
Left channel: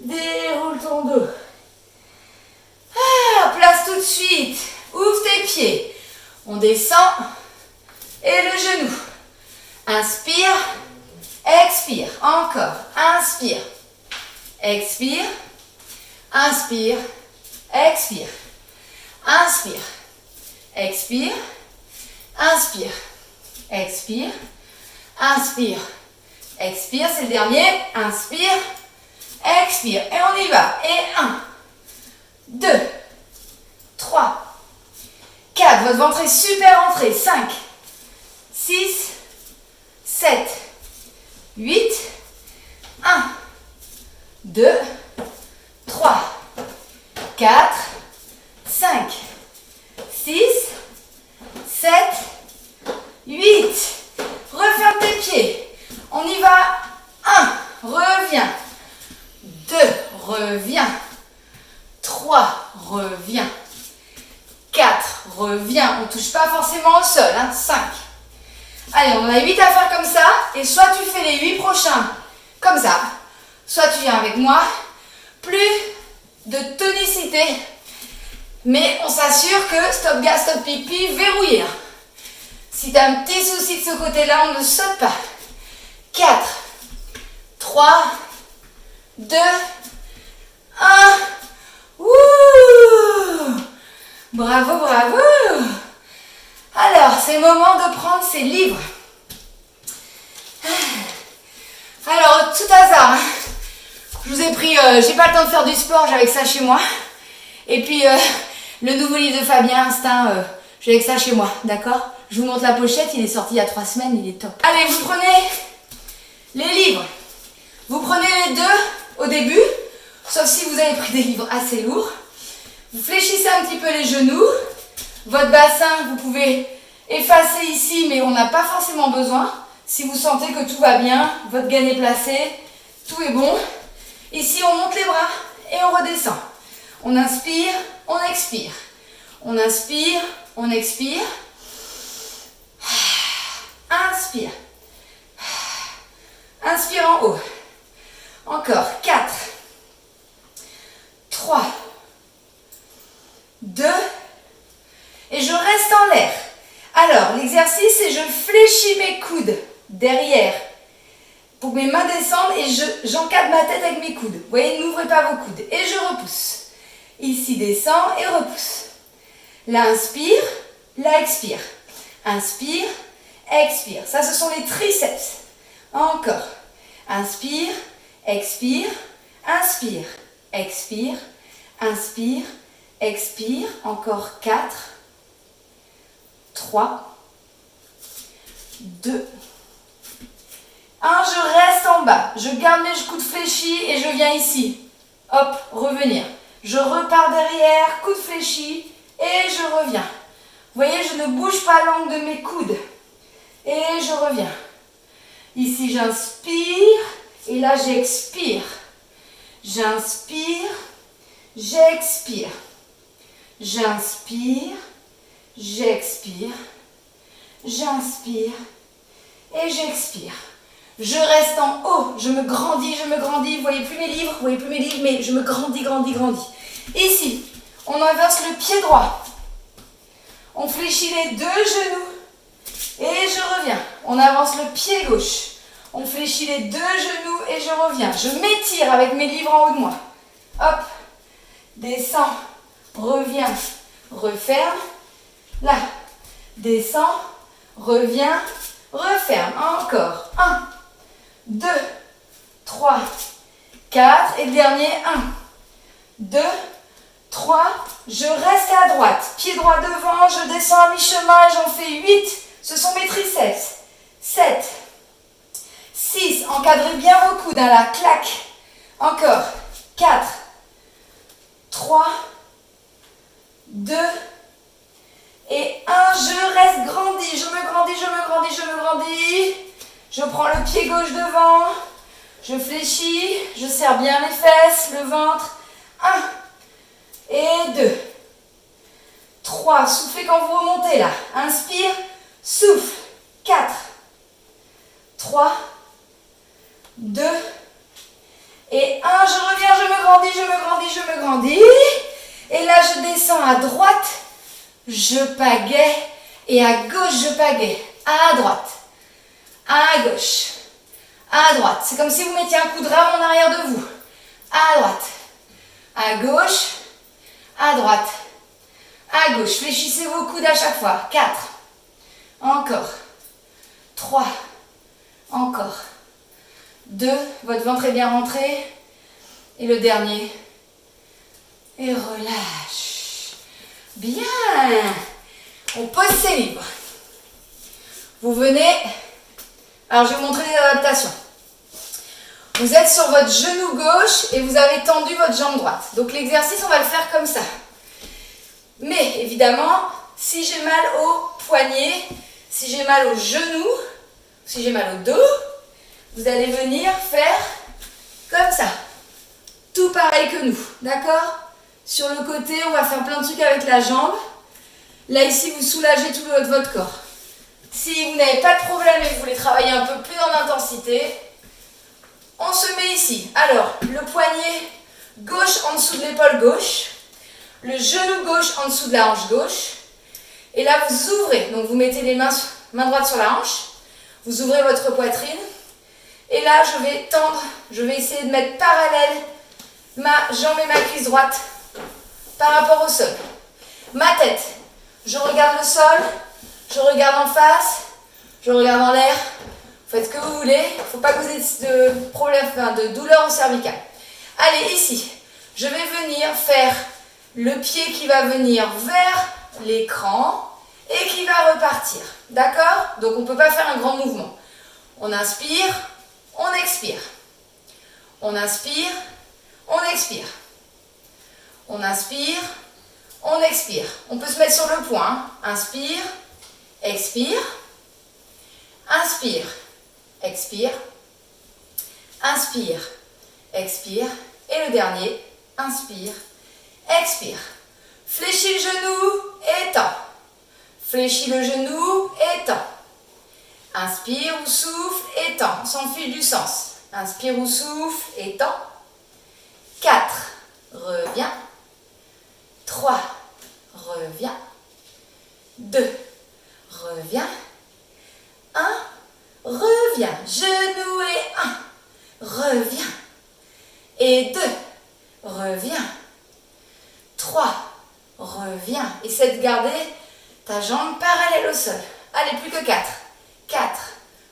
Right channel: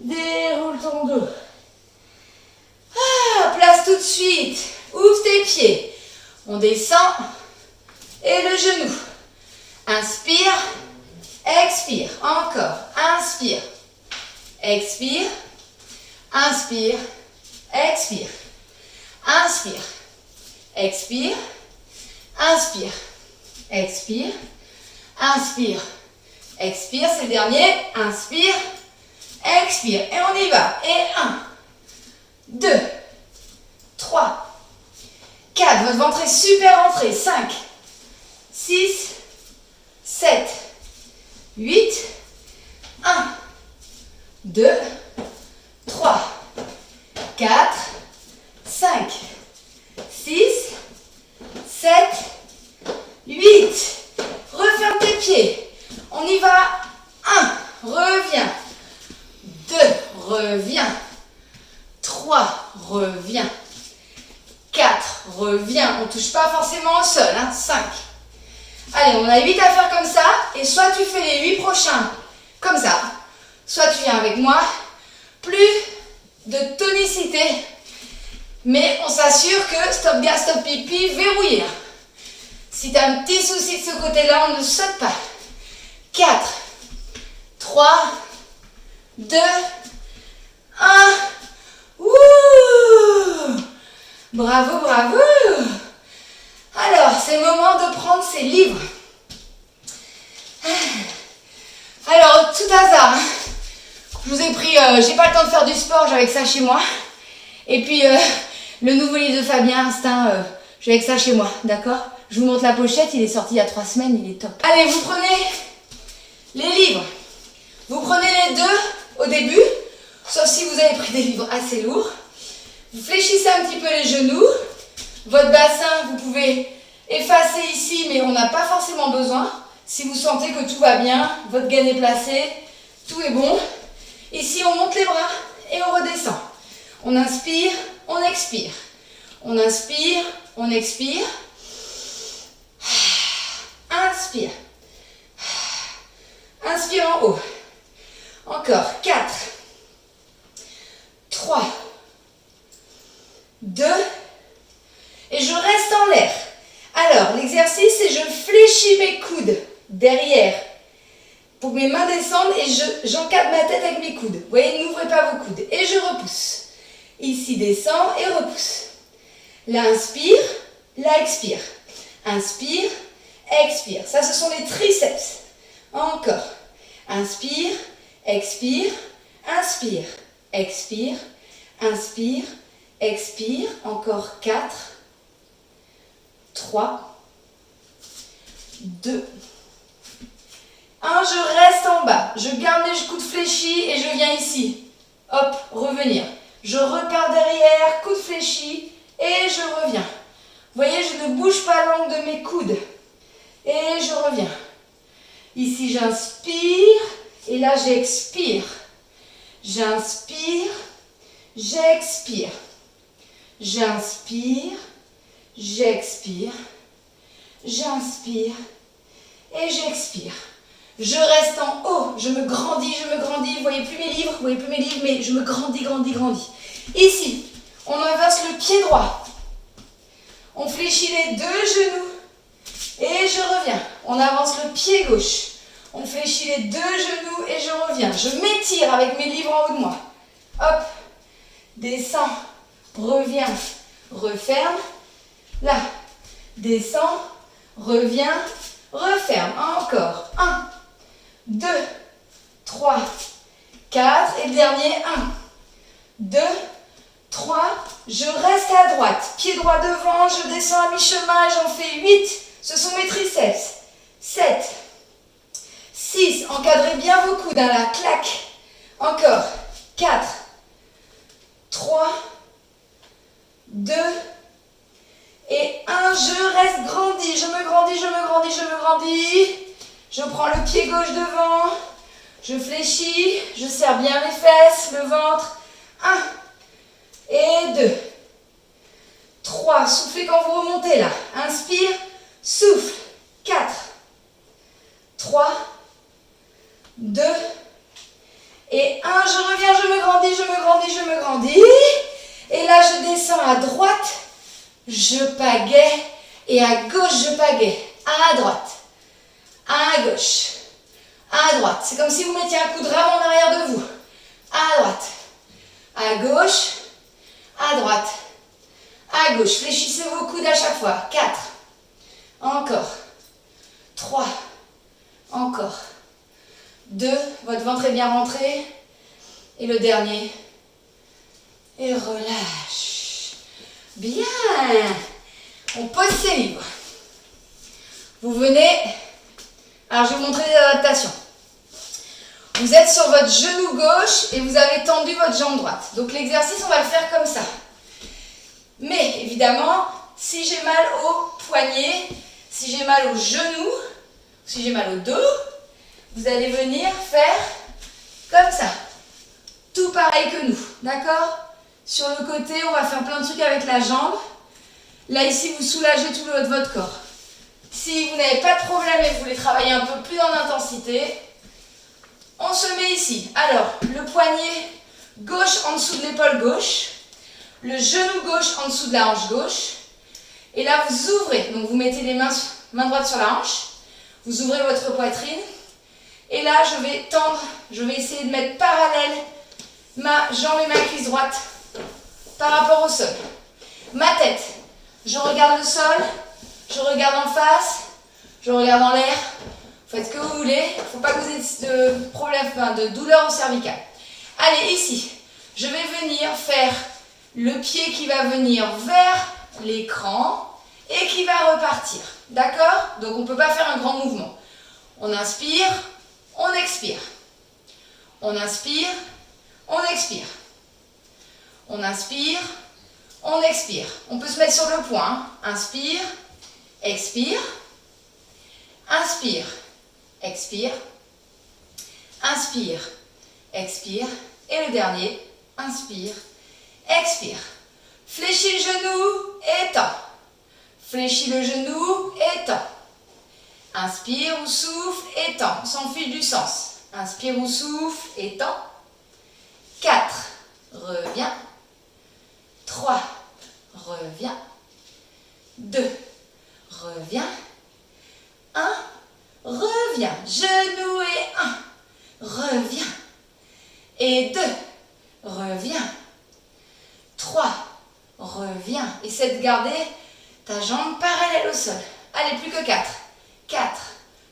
Déroule ton dos. Place tout de suite. Ouvre tes pieds. On descend. Et le genou. Inspire. Expire. Encore. Inspire. Expire. Inspire. Expire. Inspire. Expire. Inspire. Expire. Inspire. Expire. C'est le dernier. Inspire. Expire. Et on y va. Et 1, 2, 3, 4. Votre ventre est super rentré. 5, 6, 7, 8, 1, 2, 3, 4, 5, 6, 7, 8. Referme tes pieds. On y va. 1, reviens. 2, reviens. 3, reviens. 4, reviens. On ne touche pas forcément au sol. 5. Allez, on a 8 à faire comme ça. Et soit tu fais les 8 prochains comme ça. Soit tu viens avec moi. Plus de tonicité. Mais on s'assure que stop gaz, stop pipi, verrouillé. Si tu as un petit souci de ce côté-là, on ne saute pas. 4, 3, 2, 1. Ouh! Bravo, bravo! Alors, c'est le moment de prendre ses livres. Alors, tout hasard, je vous ai pris, j'ai pas le temps de faire du sport, j'avais que ça chez moi. Et puis, le nouveau livre de Fabien, Instinct, j'ai avec ça chez moi, d'accord? Je vous montre la pochette, il est sorti il y a 3 semaines, il est top. Allez, vous prenez les livres. Vous prenez les deux au début, sauf si vous avez pris des livres assez lourds. Vous fléchissez un petit peu les genoux. Votre bassin, vous pouvez effacer ici, mais on n'a pas forcément besoin. Si vous sentez que tout va bien, votre gaine est placée, tout est bon. Ici, on monte les bras et on redescend. On inspire, on expire. On inspire, on expire. Inspire. Inspire en haut. Encore. 4, 3, 2, et je reste en l'air. Alors, l'exercice, c'est je fléchis mes coudes derrière pour que mes mains descendent et j'encadre ma tête avec mes coudes. Vous voyez, n'ouvrez pas vos coudes. Et je repousse. Ici, descend et repousse. Là, inspire. Là, expire. Inspire, expire. Ça, ce sont les triceps. Encore. Inspire, expire, inspire, expire, inspire, expire. Encore 4, 3, 2, 1. Je reste en bas. Je garde mes coudes fléchis et je viens ici. Hop, revenir. Je repars derrière, coude fléchi et je reviens. Vous voyez, je ne bouge pas l'angle de mes coudes. Et je reviens. Ici, j'inspire Et là, j'expire. J'inspire, j'expire. J'inspire, j'expire. J'inspire et j'expire. Je reste en haut, je me grandis, je me grandis. Vous voyez plus mes livres, mais je me grandis, grandis, grandis. Ici, on inverse le pied droit. On fléchit les deux genoux et je reviens. On avance le pied gauche. On fléchit les deux genoux et je reviens. Je m'étire avec mes livres en haut de moi. Hop, descends, reviens, referme. Là, descends, reviens, referme. Encore. 1, 2, 3, 4. Et le dernier, 1, 2, 3. Je reste à droite. Pied droit devant, je descends à mi-chemin et j'en fais 8. Ce sont mes triceps. 7, 6. Encadrez bien vos coudes. Là, clac. Encore. 4, 3, 2, et 1, je reste grandi, je me grandis, je me grandis, je me grandis. Je prends le pied gauche devant, je fléchis, je serre bien les fesses, le ventre. 1 et 2, 3, soufflez quand vous remontez là. Inspire, souffle. 4, 3, 2, et 1, je reviens, je me grandis, je me grandis, je me grandis. Et là, je descends à droite. Je pagaie et à gauche je pagaie, à droite, à gauche, à droite. C'est comme si vous mettiez un coup de rame en arrière de vous. À droite, à gauche, à droite, à gauche. Fléchissez vos coudes à chaque fois. 4, encore, 3, encore, 2, votre ventre est bien rentré. Et le dernier, et relâche. Bien. On pose ses livres. Vous venez. Alors, je vais vous montrer les adaptations. Vous êtes sur votre genou gauche et vous avez tendu votre jambe droite. Donc, l'exercice, on va le faire comme ça. Mais, évidemment, si j'ai mal au poignet, si j'ai mal au genou, si j'ai mal au dos, vous allez venir faire comme ça. Tout pareil que nous. D'accord ? Sur le côté, on va faire plein de trucs avec la jambe. Là, ici, vous soulagez tout votre corps. Si vous n'avez pas de problème et que vous voulez travailler un peu plus en intensité, on se met ici. Alors, le poignet gauche en dessous de l'épaule gauche. Le genou gauche en dessous de la hanche gauche. Et là, vous ouvrez. Donc, vous mettez les main droite sur la hanche. Vous ouvrez votre poitrine. Et là, je vais tendre. Je vais essayer de mettre parallèle ma jambe et ma cuisse droite par rapport au sol. Ma tête, je regarde le sol, je regarde en face, je regarde en l'air. Faites ce que vous voulez. Il ne faut pas que vous ayez de problème, de douleur au cervical. Allez, ici, je vais venir faire le pied qui va venir vers l'écran et qui va repartir. D'accord? Donc, on ne peut pas faire un grand mouvement. On inspire, on expire. On inspire, on expire. On inspire, on expire. On peut se mettre sur le point. Inspire, expire. Inspire, expire. Inspire, expire. Et le dernier, inspire, expire. Fléchis le genou, étends. Fléchis le genou, étends. Inspire ou souffle, étends. On s'en fiche du sens. Inspire ou souffle, étends. 4, reviens. 3, reviens. 2, reviens. 1, reviens. Genou et 1, reviens. Et 2, reviens. 3, reviens. Essaie de garder ta jambe parallèle au sol. Allez, plus que 4. 4,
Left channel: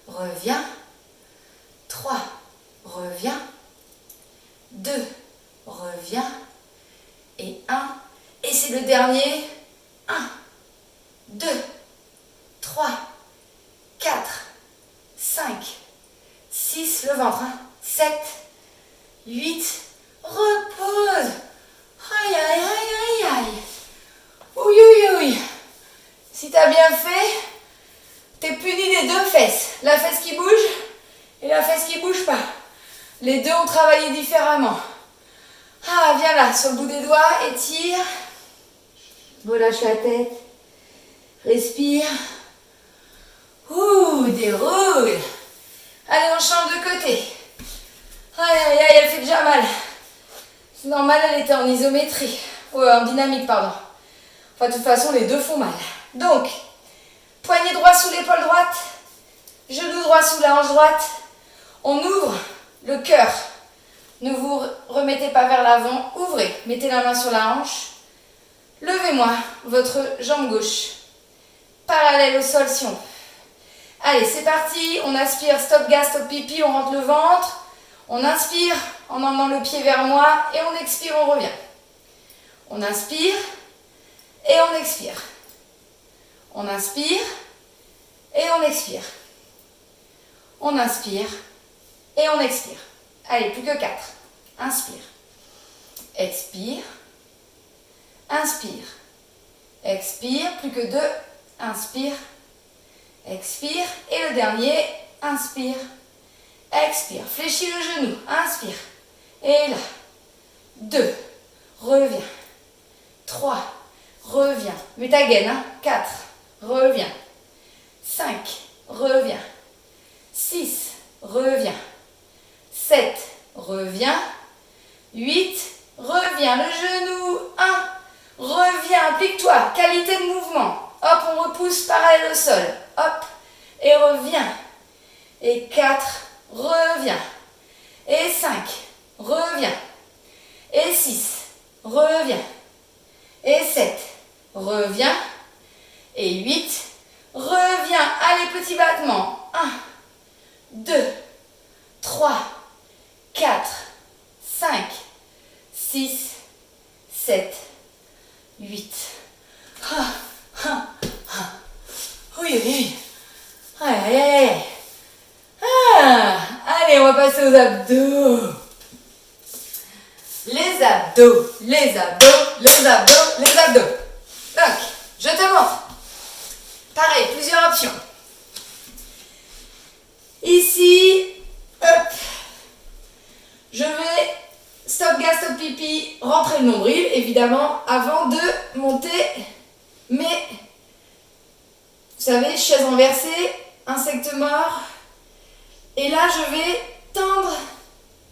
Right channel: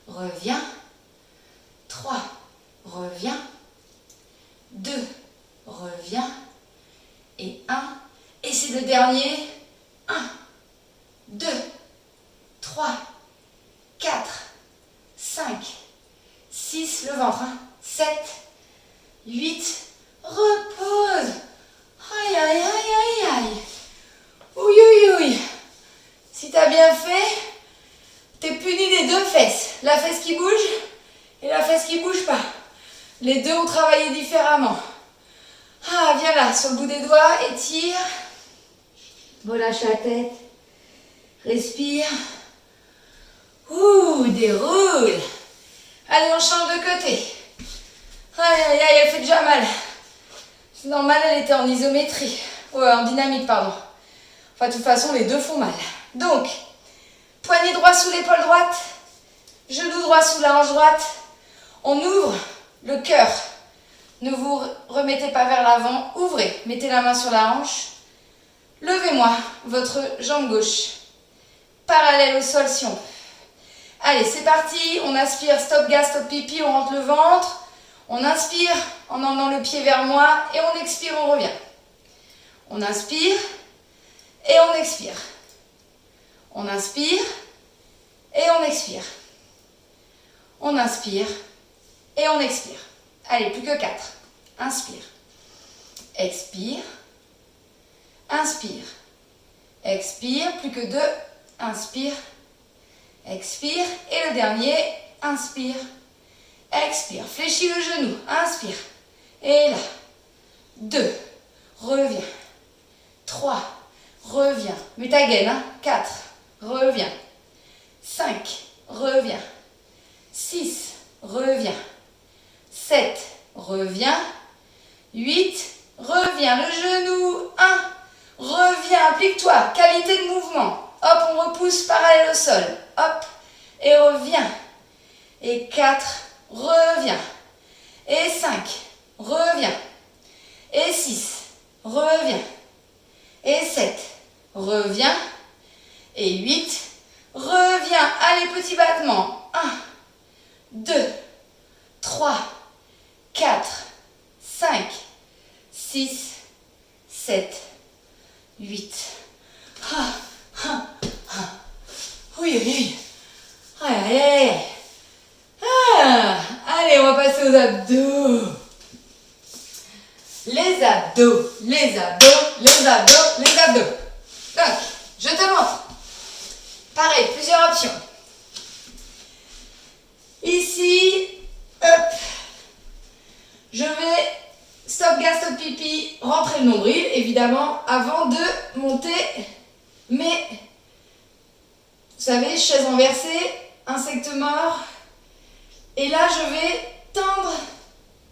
reviens. 3, reviens. 2, reviens. Et 1. Et c'est le dernier. 1, 2, 3, 4, 5, 6. Le ventre. 7, 8. Repose. Aïe, aïe, aïe, aïe, aïe. Ouïe, ouïe, ouïe. Si tu as bien fait, tu es puni des deux fesses. La fesse qui bouge et la fesse qui bouge pas. Les deux ont travaillé différemment. Ah, viens là, sur le bout des doigts, étire. Relâche la tête. Respire. Ouh, déroule. Allez, on change de côté. Aïe, aïe, aïe, elle fait déjà mal. C'est normal, elle était en isométrie. En dynamique, pardon. Enfin, de toute façon, les deux font mal. Donc, poignet droit sous l'épaule droite. Genou droit sous la hanche droite. On ouvre le cœur. Ne vous remettez pas vers l'avant. Ouvrez. Mettez la main sur la hanche. Levez-moi votre jambe gauche. Parallèle au sol si on peut. Allez, c'est parti. On aspire. Stop gas, stop pipi. On rentre le ventre. On inspire en emmenant le pied vers moi. Et on expire, on revient. On inspire. Et on expire. On inspire. Et on expire. On inspire. Et on expire. Allez, plus que 4. Inspire. Expire. Inspire. Expire. Plus que 2. Inspire. Expire. Et le dernier. Inspire. Expire. Fléchis le genou. Inspire. Et là. 2. Reviens. 3. Reviens. Mets ta gaine. Hein. 4. Reviens. 5. Reviens. 6. Reviens. 7. Reviens. 8. Reviens. Le genou. 1. Reviens. Applique-toi. Qualité de mouvement. Hop, on repousse parallèle au sol. Hop. Et reviens. Et 4. Reviens. Et 5. Reviens. Et 6. Reviens. Et 7. Reviens. Et 8. Reviens. Allez, petit battement. 1, 2, 3, 4, 5, 6, 7, 8. Oui, oui. Aïe, aïe, aïe. Allez, on va passer aux abdos. Les abdos, les abdos, les abdos, les abdos. Donc, je te montre. Pareil, plusieurs options. Ici, hop, je vais stop gas, stop pipi, rentrer le nombril, évidemment, avant de monter mes, vous savez, chaise renversée, insecte mort. Et là, je vais tendre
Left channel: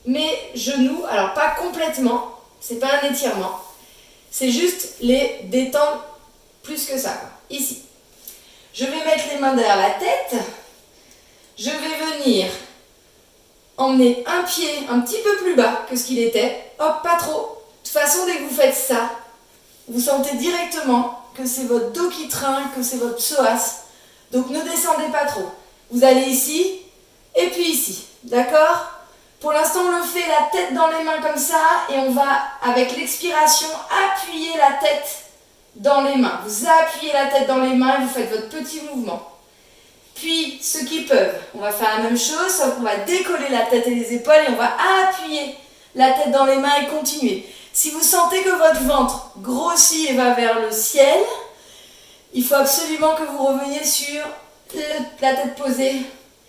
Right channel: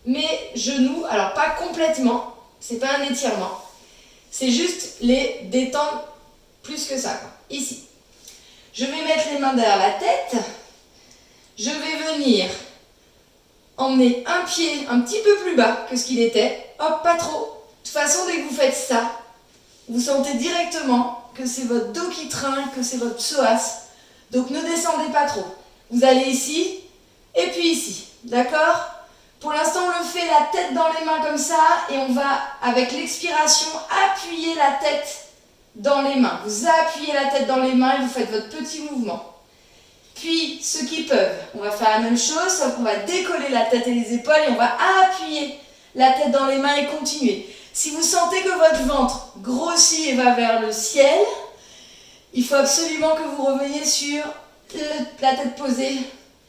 mes genoux, alors pas complètement, c'est pas un étirement, c'est juste les détendre plus que ça, quoi. Ici. Je vais mettre les mains derrière la tête. Je vais venir emmener un pied un petit peu plus bas que ce qu'il était. Hop, pas trop. De toute façon, dès que vous faites ça, vous sentez directement que c'est votre dos qui trinque, que c'est votre psoas. Donc ne descendez pas trop. Vous allez ici et puis ici. D'accord ? Pour l'instant, on le fait la tête dans les mains comme ça et on va, avec l'expiration, appuyer la tête dans les mains. Vous appuyez la tête dans les mains et vous faites votre petit mouvement. Puis, ceux qui peuvent, on va faire la même chose, sauf qu'on va décoller la tête et les épaules et on va appuyer la tête dans les mains et continuer. Si vous sentez que votre ventre grossit et va vers le ciel, il faut absolument que vous reveniez sur la tête posée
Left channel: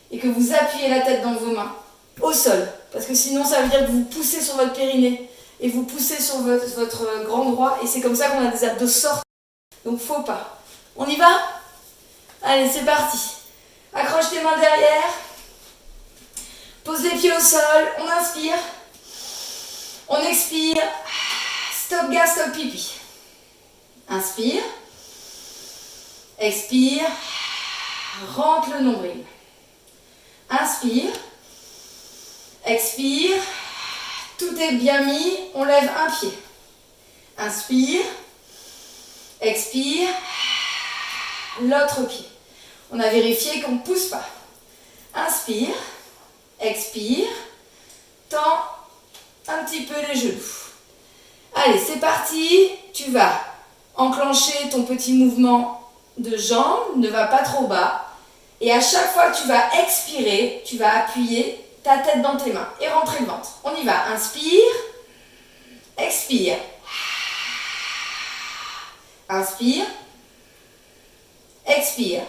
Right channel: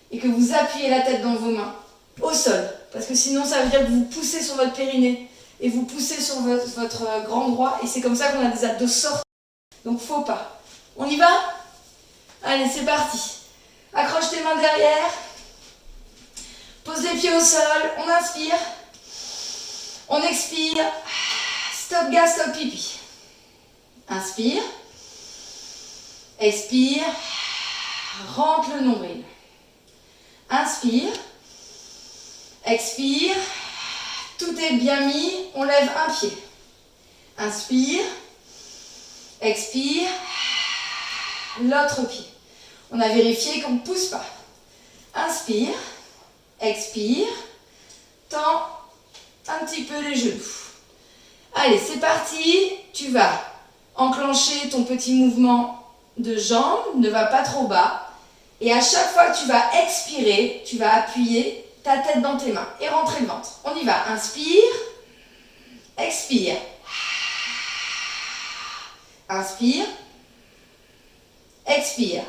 et que vous appuyez la tête dans vos mains au sol. Parce que sinon, ça veut dire que vous poussez sur votre périnée et vous poussez sur votre grand droit et c'est comme ça qu'on a des abdos sortis. Donc, faut pas. On y va ? Allez, c'est parti. Accroche tes mains derrière. Pose les pieds au sol. On inspire. On expire. Stop gas, stop pipi. Inspire. Expire. Rentre le nombril. Inspire. Expire. Tout est bien mis. On lève un pied. Inspire. Expire. L'autre pied. On a vérifié qu'on ne pousse pas. Inspire. Expire. Tends un petit peu les genoux. Allez, c'est parti. Tu vas enclencher ton petit mouvement de jambes. Ne va pas trop bas. Et à chaque fois que tu vas expirer, tu vas appuyer ta tête dans tes mains et rentrer le ventre. On y va. Inspire. Expire. Inspire. Expire.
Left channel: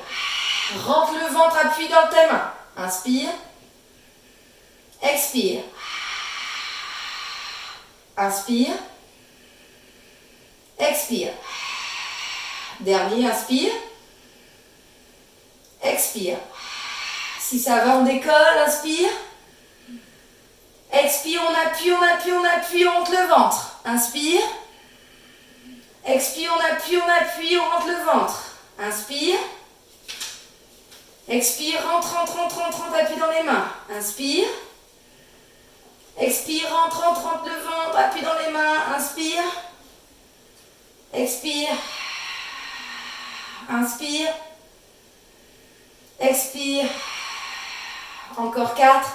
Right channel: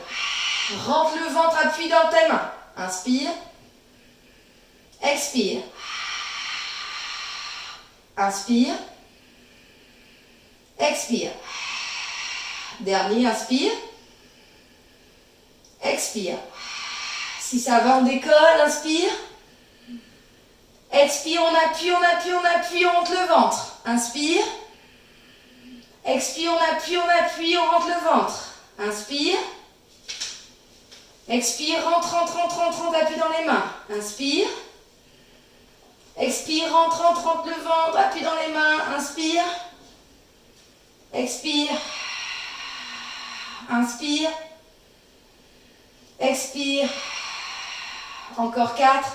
Rentre le ventre, appuie dans tes mains. Inspire. Expire. Inspire. Expire. Dernier, inspire. Expire. Si ça va, on décolle, inspire. Expire, on appuie, on appuie, on appuie, on rentre le ventre. Inspire. Expire, on appuie, on rentre le ventre. Inspire. Expire, rentre, rentre, rentre, rentre, rentre, appuie dans les mains. Inspire. Expire, rentre, rentre, rentre le ventre, appuie dans les mains. Inspire. Expire. Inspire. Expire. Encore 4.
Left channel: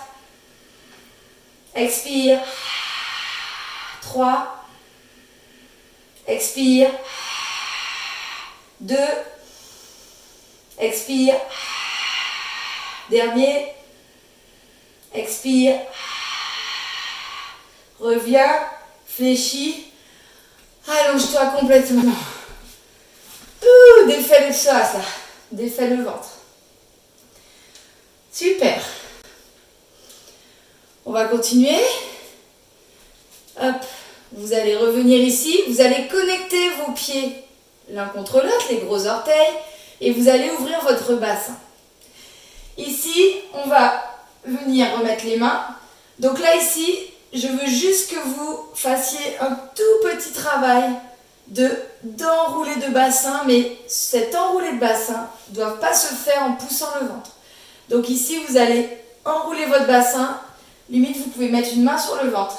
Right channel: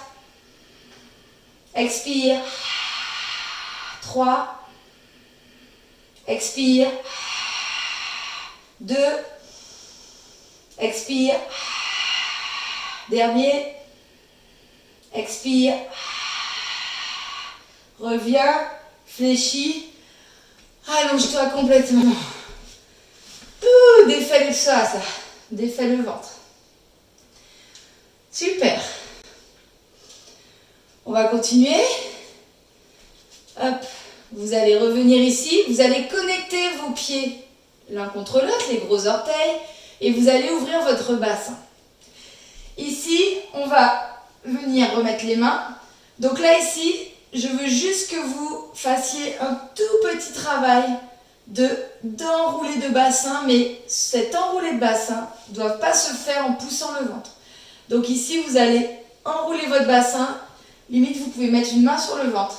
Expire. 3. Expire. 2. Expire. Dernier. Expire. Reviens. Fléchis. Allonge-toi complètement. Défais le psoas, là. Défais le ventre. Super. On va continuer. Hop. Vous allez revenir ici. Vous allez connecter vos pieds l'un contre l'autre, les gros orteils. Et vous allez ouvrir votre bassin. Ici, on va venir remettre les mains. Donc là, ici, je veux juste que vous fassiez un tout petit travail d'enrouler de bassin, mais cet enroulé de bassin ne doit pas se faire en poussant le ventre. Donc ici, vous allez enrouler votre bassin. Limite, vous pouvez mettre une main sur le ventre.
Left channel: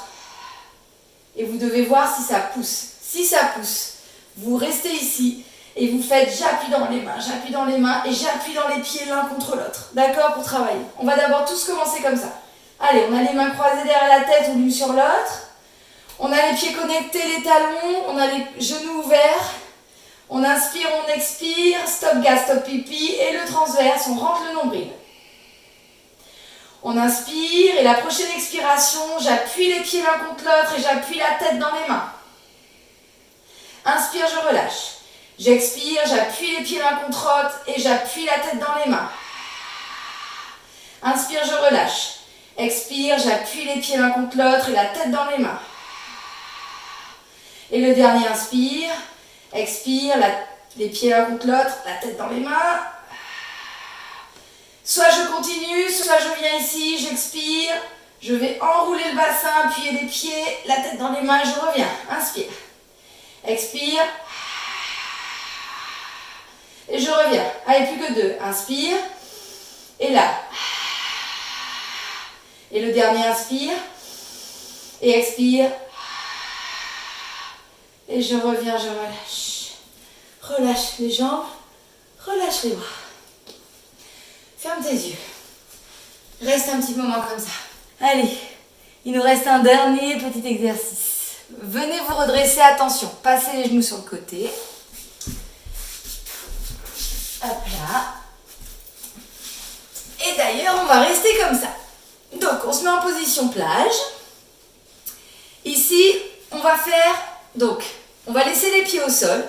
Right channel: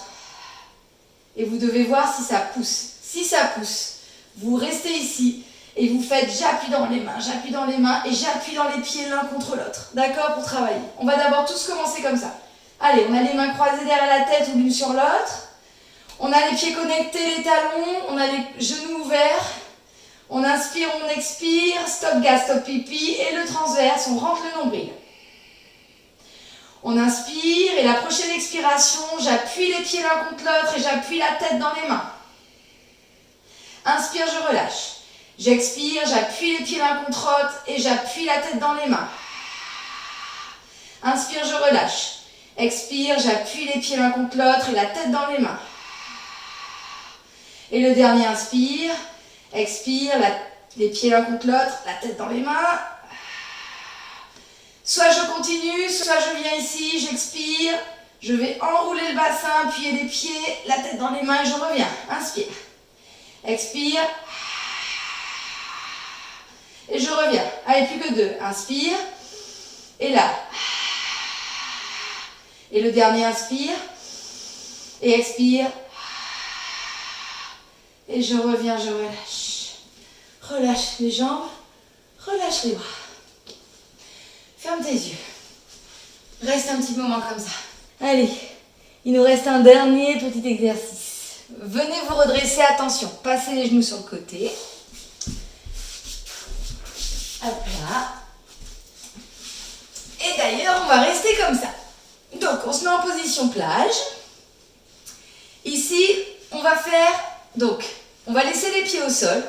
Et vous devez voir si ça pousse. Si ça pousse, vous restez ici et vous faites j'appuie dans les mains et j'appuie dans les pieds l'un contre l'autre. D'accord, pour travailler. On va d'abord tous commencer comme ça. Allez, on a les mains croisées derrière la tête ou l'une sur l'autre. On a les pieds connectés, les talons. On a les genoux ouverts. On inspire, on expire. Stop gas, stop pipi. Et le transverse, on rentre le nombril. On inspire et la prochaine expiration, j'appuie les pieds l'un contre l'autre et j'appuie la tête dans les mains. Inspire, je relâche. J'expire, j'appuie les pieds l'un contre l'autre et j'appuie la tête dans les mains. Inspire, je relâche. Expire, j'appuie les pieds l'un contre l'autre et la tête dans les mains. Et le dernier, inspire. Expire, les pieds l'un contre l'autre, la tête dans les mains. Soit je continue, soit je viens ici, j'expire. Je vais enrouler le bassin, appuyer les pieds, la tête dans les mains et je reviens. Inspire. Expire. Et je reviens. Allez, plus que 2. Inspire. Et là. Et le dernier, inspire. Et expire. Et je reviens, je relâche. Relâche les jambes. Relâche les bras. Ferme tes yeux. Reste un petit moment comme ça. Allez, il nous reste un dernier petit exercice. Venez vous redresser, attention. Passez les genoux sur le côté. Hop là. Et d'ailleurs, on va rester comme ça. Donc, on se met en position plage. Ici, on va faire... Donc, on va laisser les pieds au sol.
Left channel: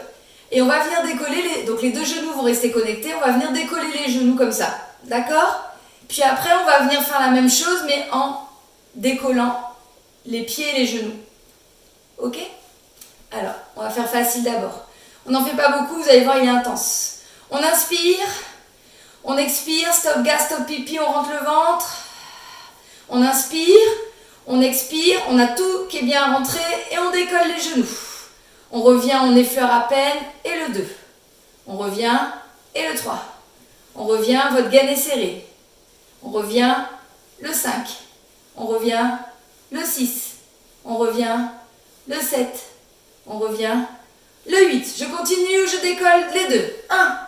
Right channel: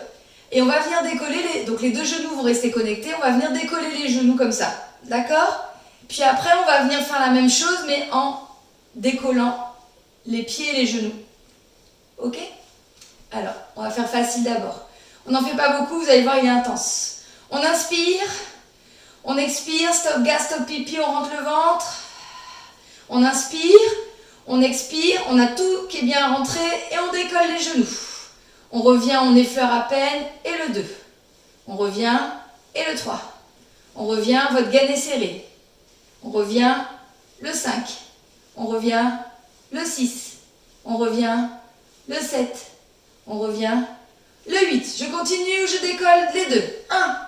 Et on va venir décoller donc les deux genoux vont rester connectés. On va venir décoller les genoux comme ça. D'accord? Puis après, on va venir faire la même chose, mais en décollant les pieds et les genoux. Ok? Alors, on va faire facile d'abord. On n'en fait pas beaucoup, vous allez voir, il est intense. On inspire, on expire, stop gas, stop pipi, on rentre le ventre. On inspire, on expire, on a tout qui est bien rentré et on décolle les genoux. On revient, on effleure à peine et le 2. On revient et le 3. On revient, votre gaine est serrée. On revient, le 5. On revient, le 6. On revient, le 7. On revient, le 8. Je continue, je décolle les 2. 1.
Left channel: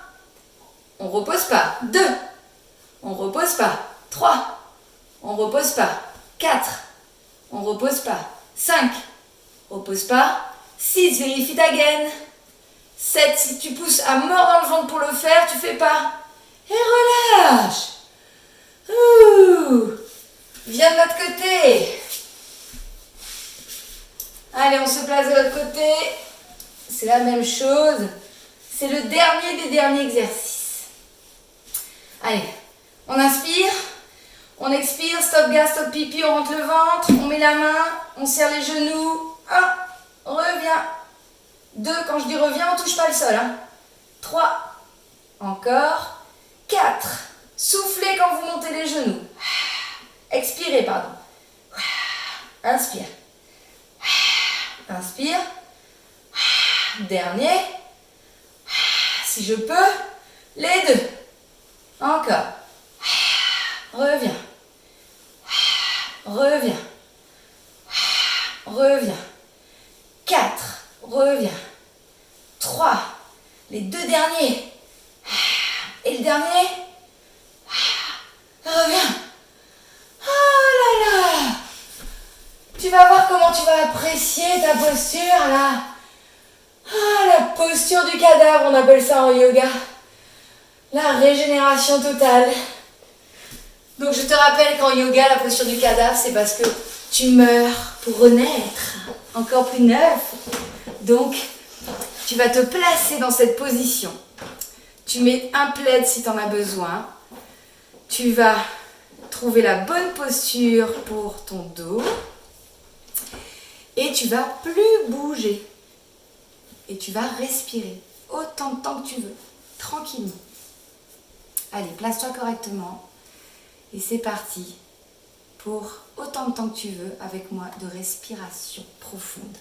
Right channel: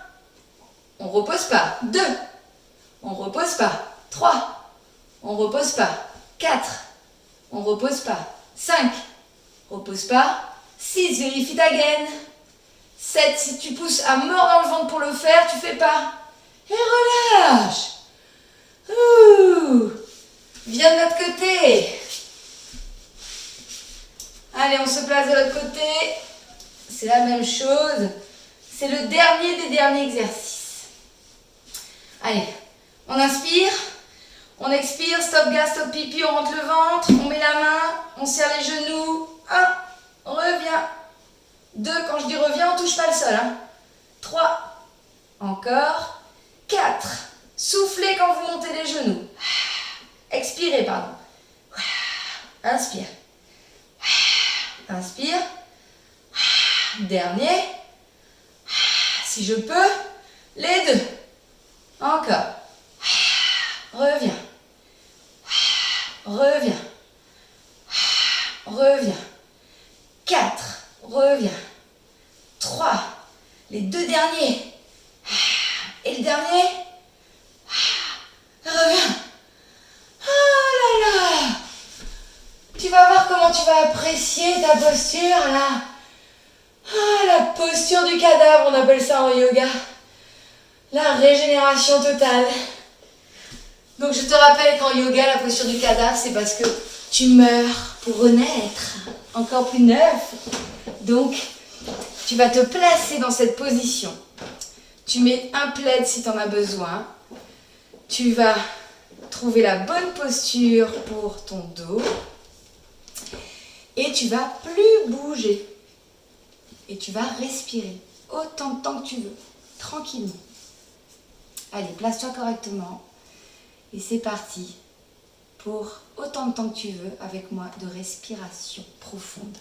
On ne repose pas. 2. On ne repose pas. 3. On ne repose pas. 4. On ne repose pas. 5. Repose pas. 6. Vérifie ta gaine. 7. Si tu pousses à mort dans le ventre pour le faire, tu fais pas. Et relâche. Ouh. Viens de l'autre côté. Allez, on se place de l'autre côté. C'est la même chose. C'est le dernier des derniers exercices. Allez, on inspire. On expire. Stop gas, stop pipi. On rentre le ventre. On met la main. On serre les genoux. 1, reviens. 2, quand je dis reviens, on touche pas le sol. 3, encore. 4, soufflez quand vous montez les genoux. Expirez, pardon. Inspire. Inspire. Dernier. Si je peux, les 2. Encore. Reviens. Reviens. Reviens. 4. Reviens. 3. Les 2 derniers. Et le dernier. Reviens. Oh là là. Tu vas voir comment tu vas apprécier ta posture là. Ah, la posture du cadavre, on appelle ça en yoga. La régénération totale. Donc je te rappelle qu'en yoga, la posture du cadavre, c'est parce que tu meurs pour renaître, encore plus neuf. Donc, tu vas te placer dans cette position. Tu mets un plaid si tu en as besoin. Tu vas trouver la bonne posture pour ton dos. Et tu vas plus bouger. Et tu vas respirer autant de temps que tu veux, tranquillement. Allez, place-toi correctement. Et c'est parti pour autant de temps que tu veux avec moi de respiration profonde.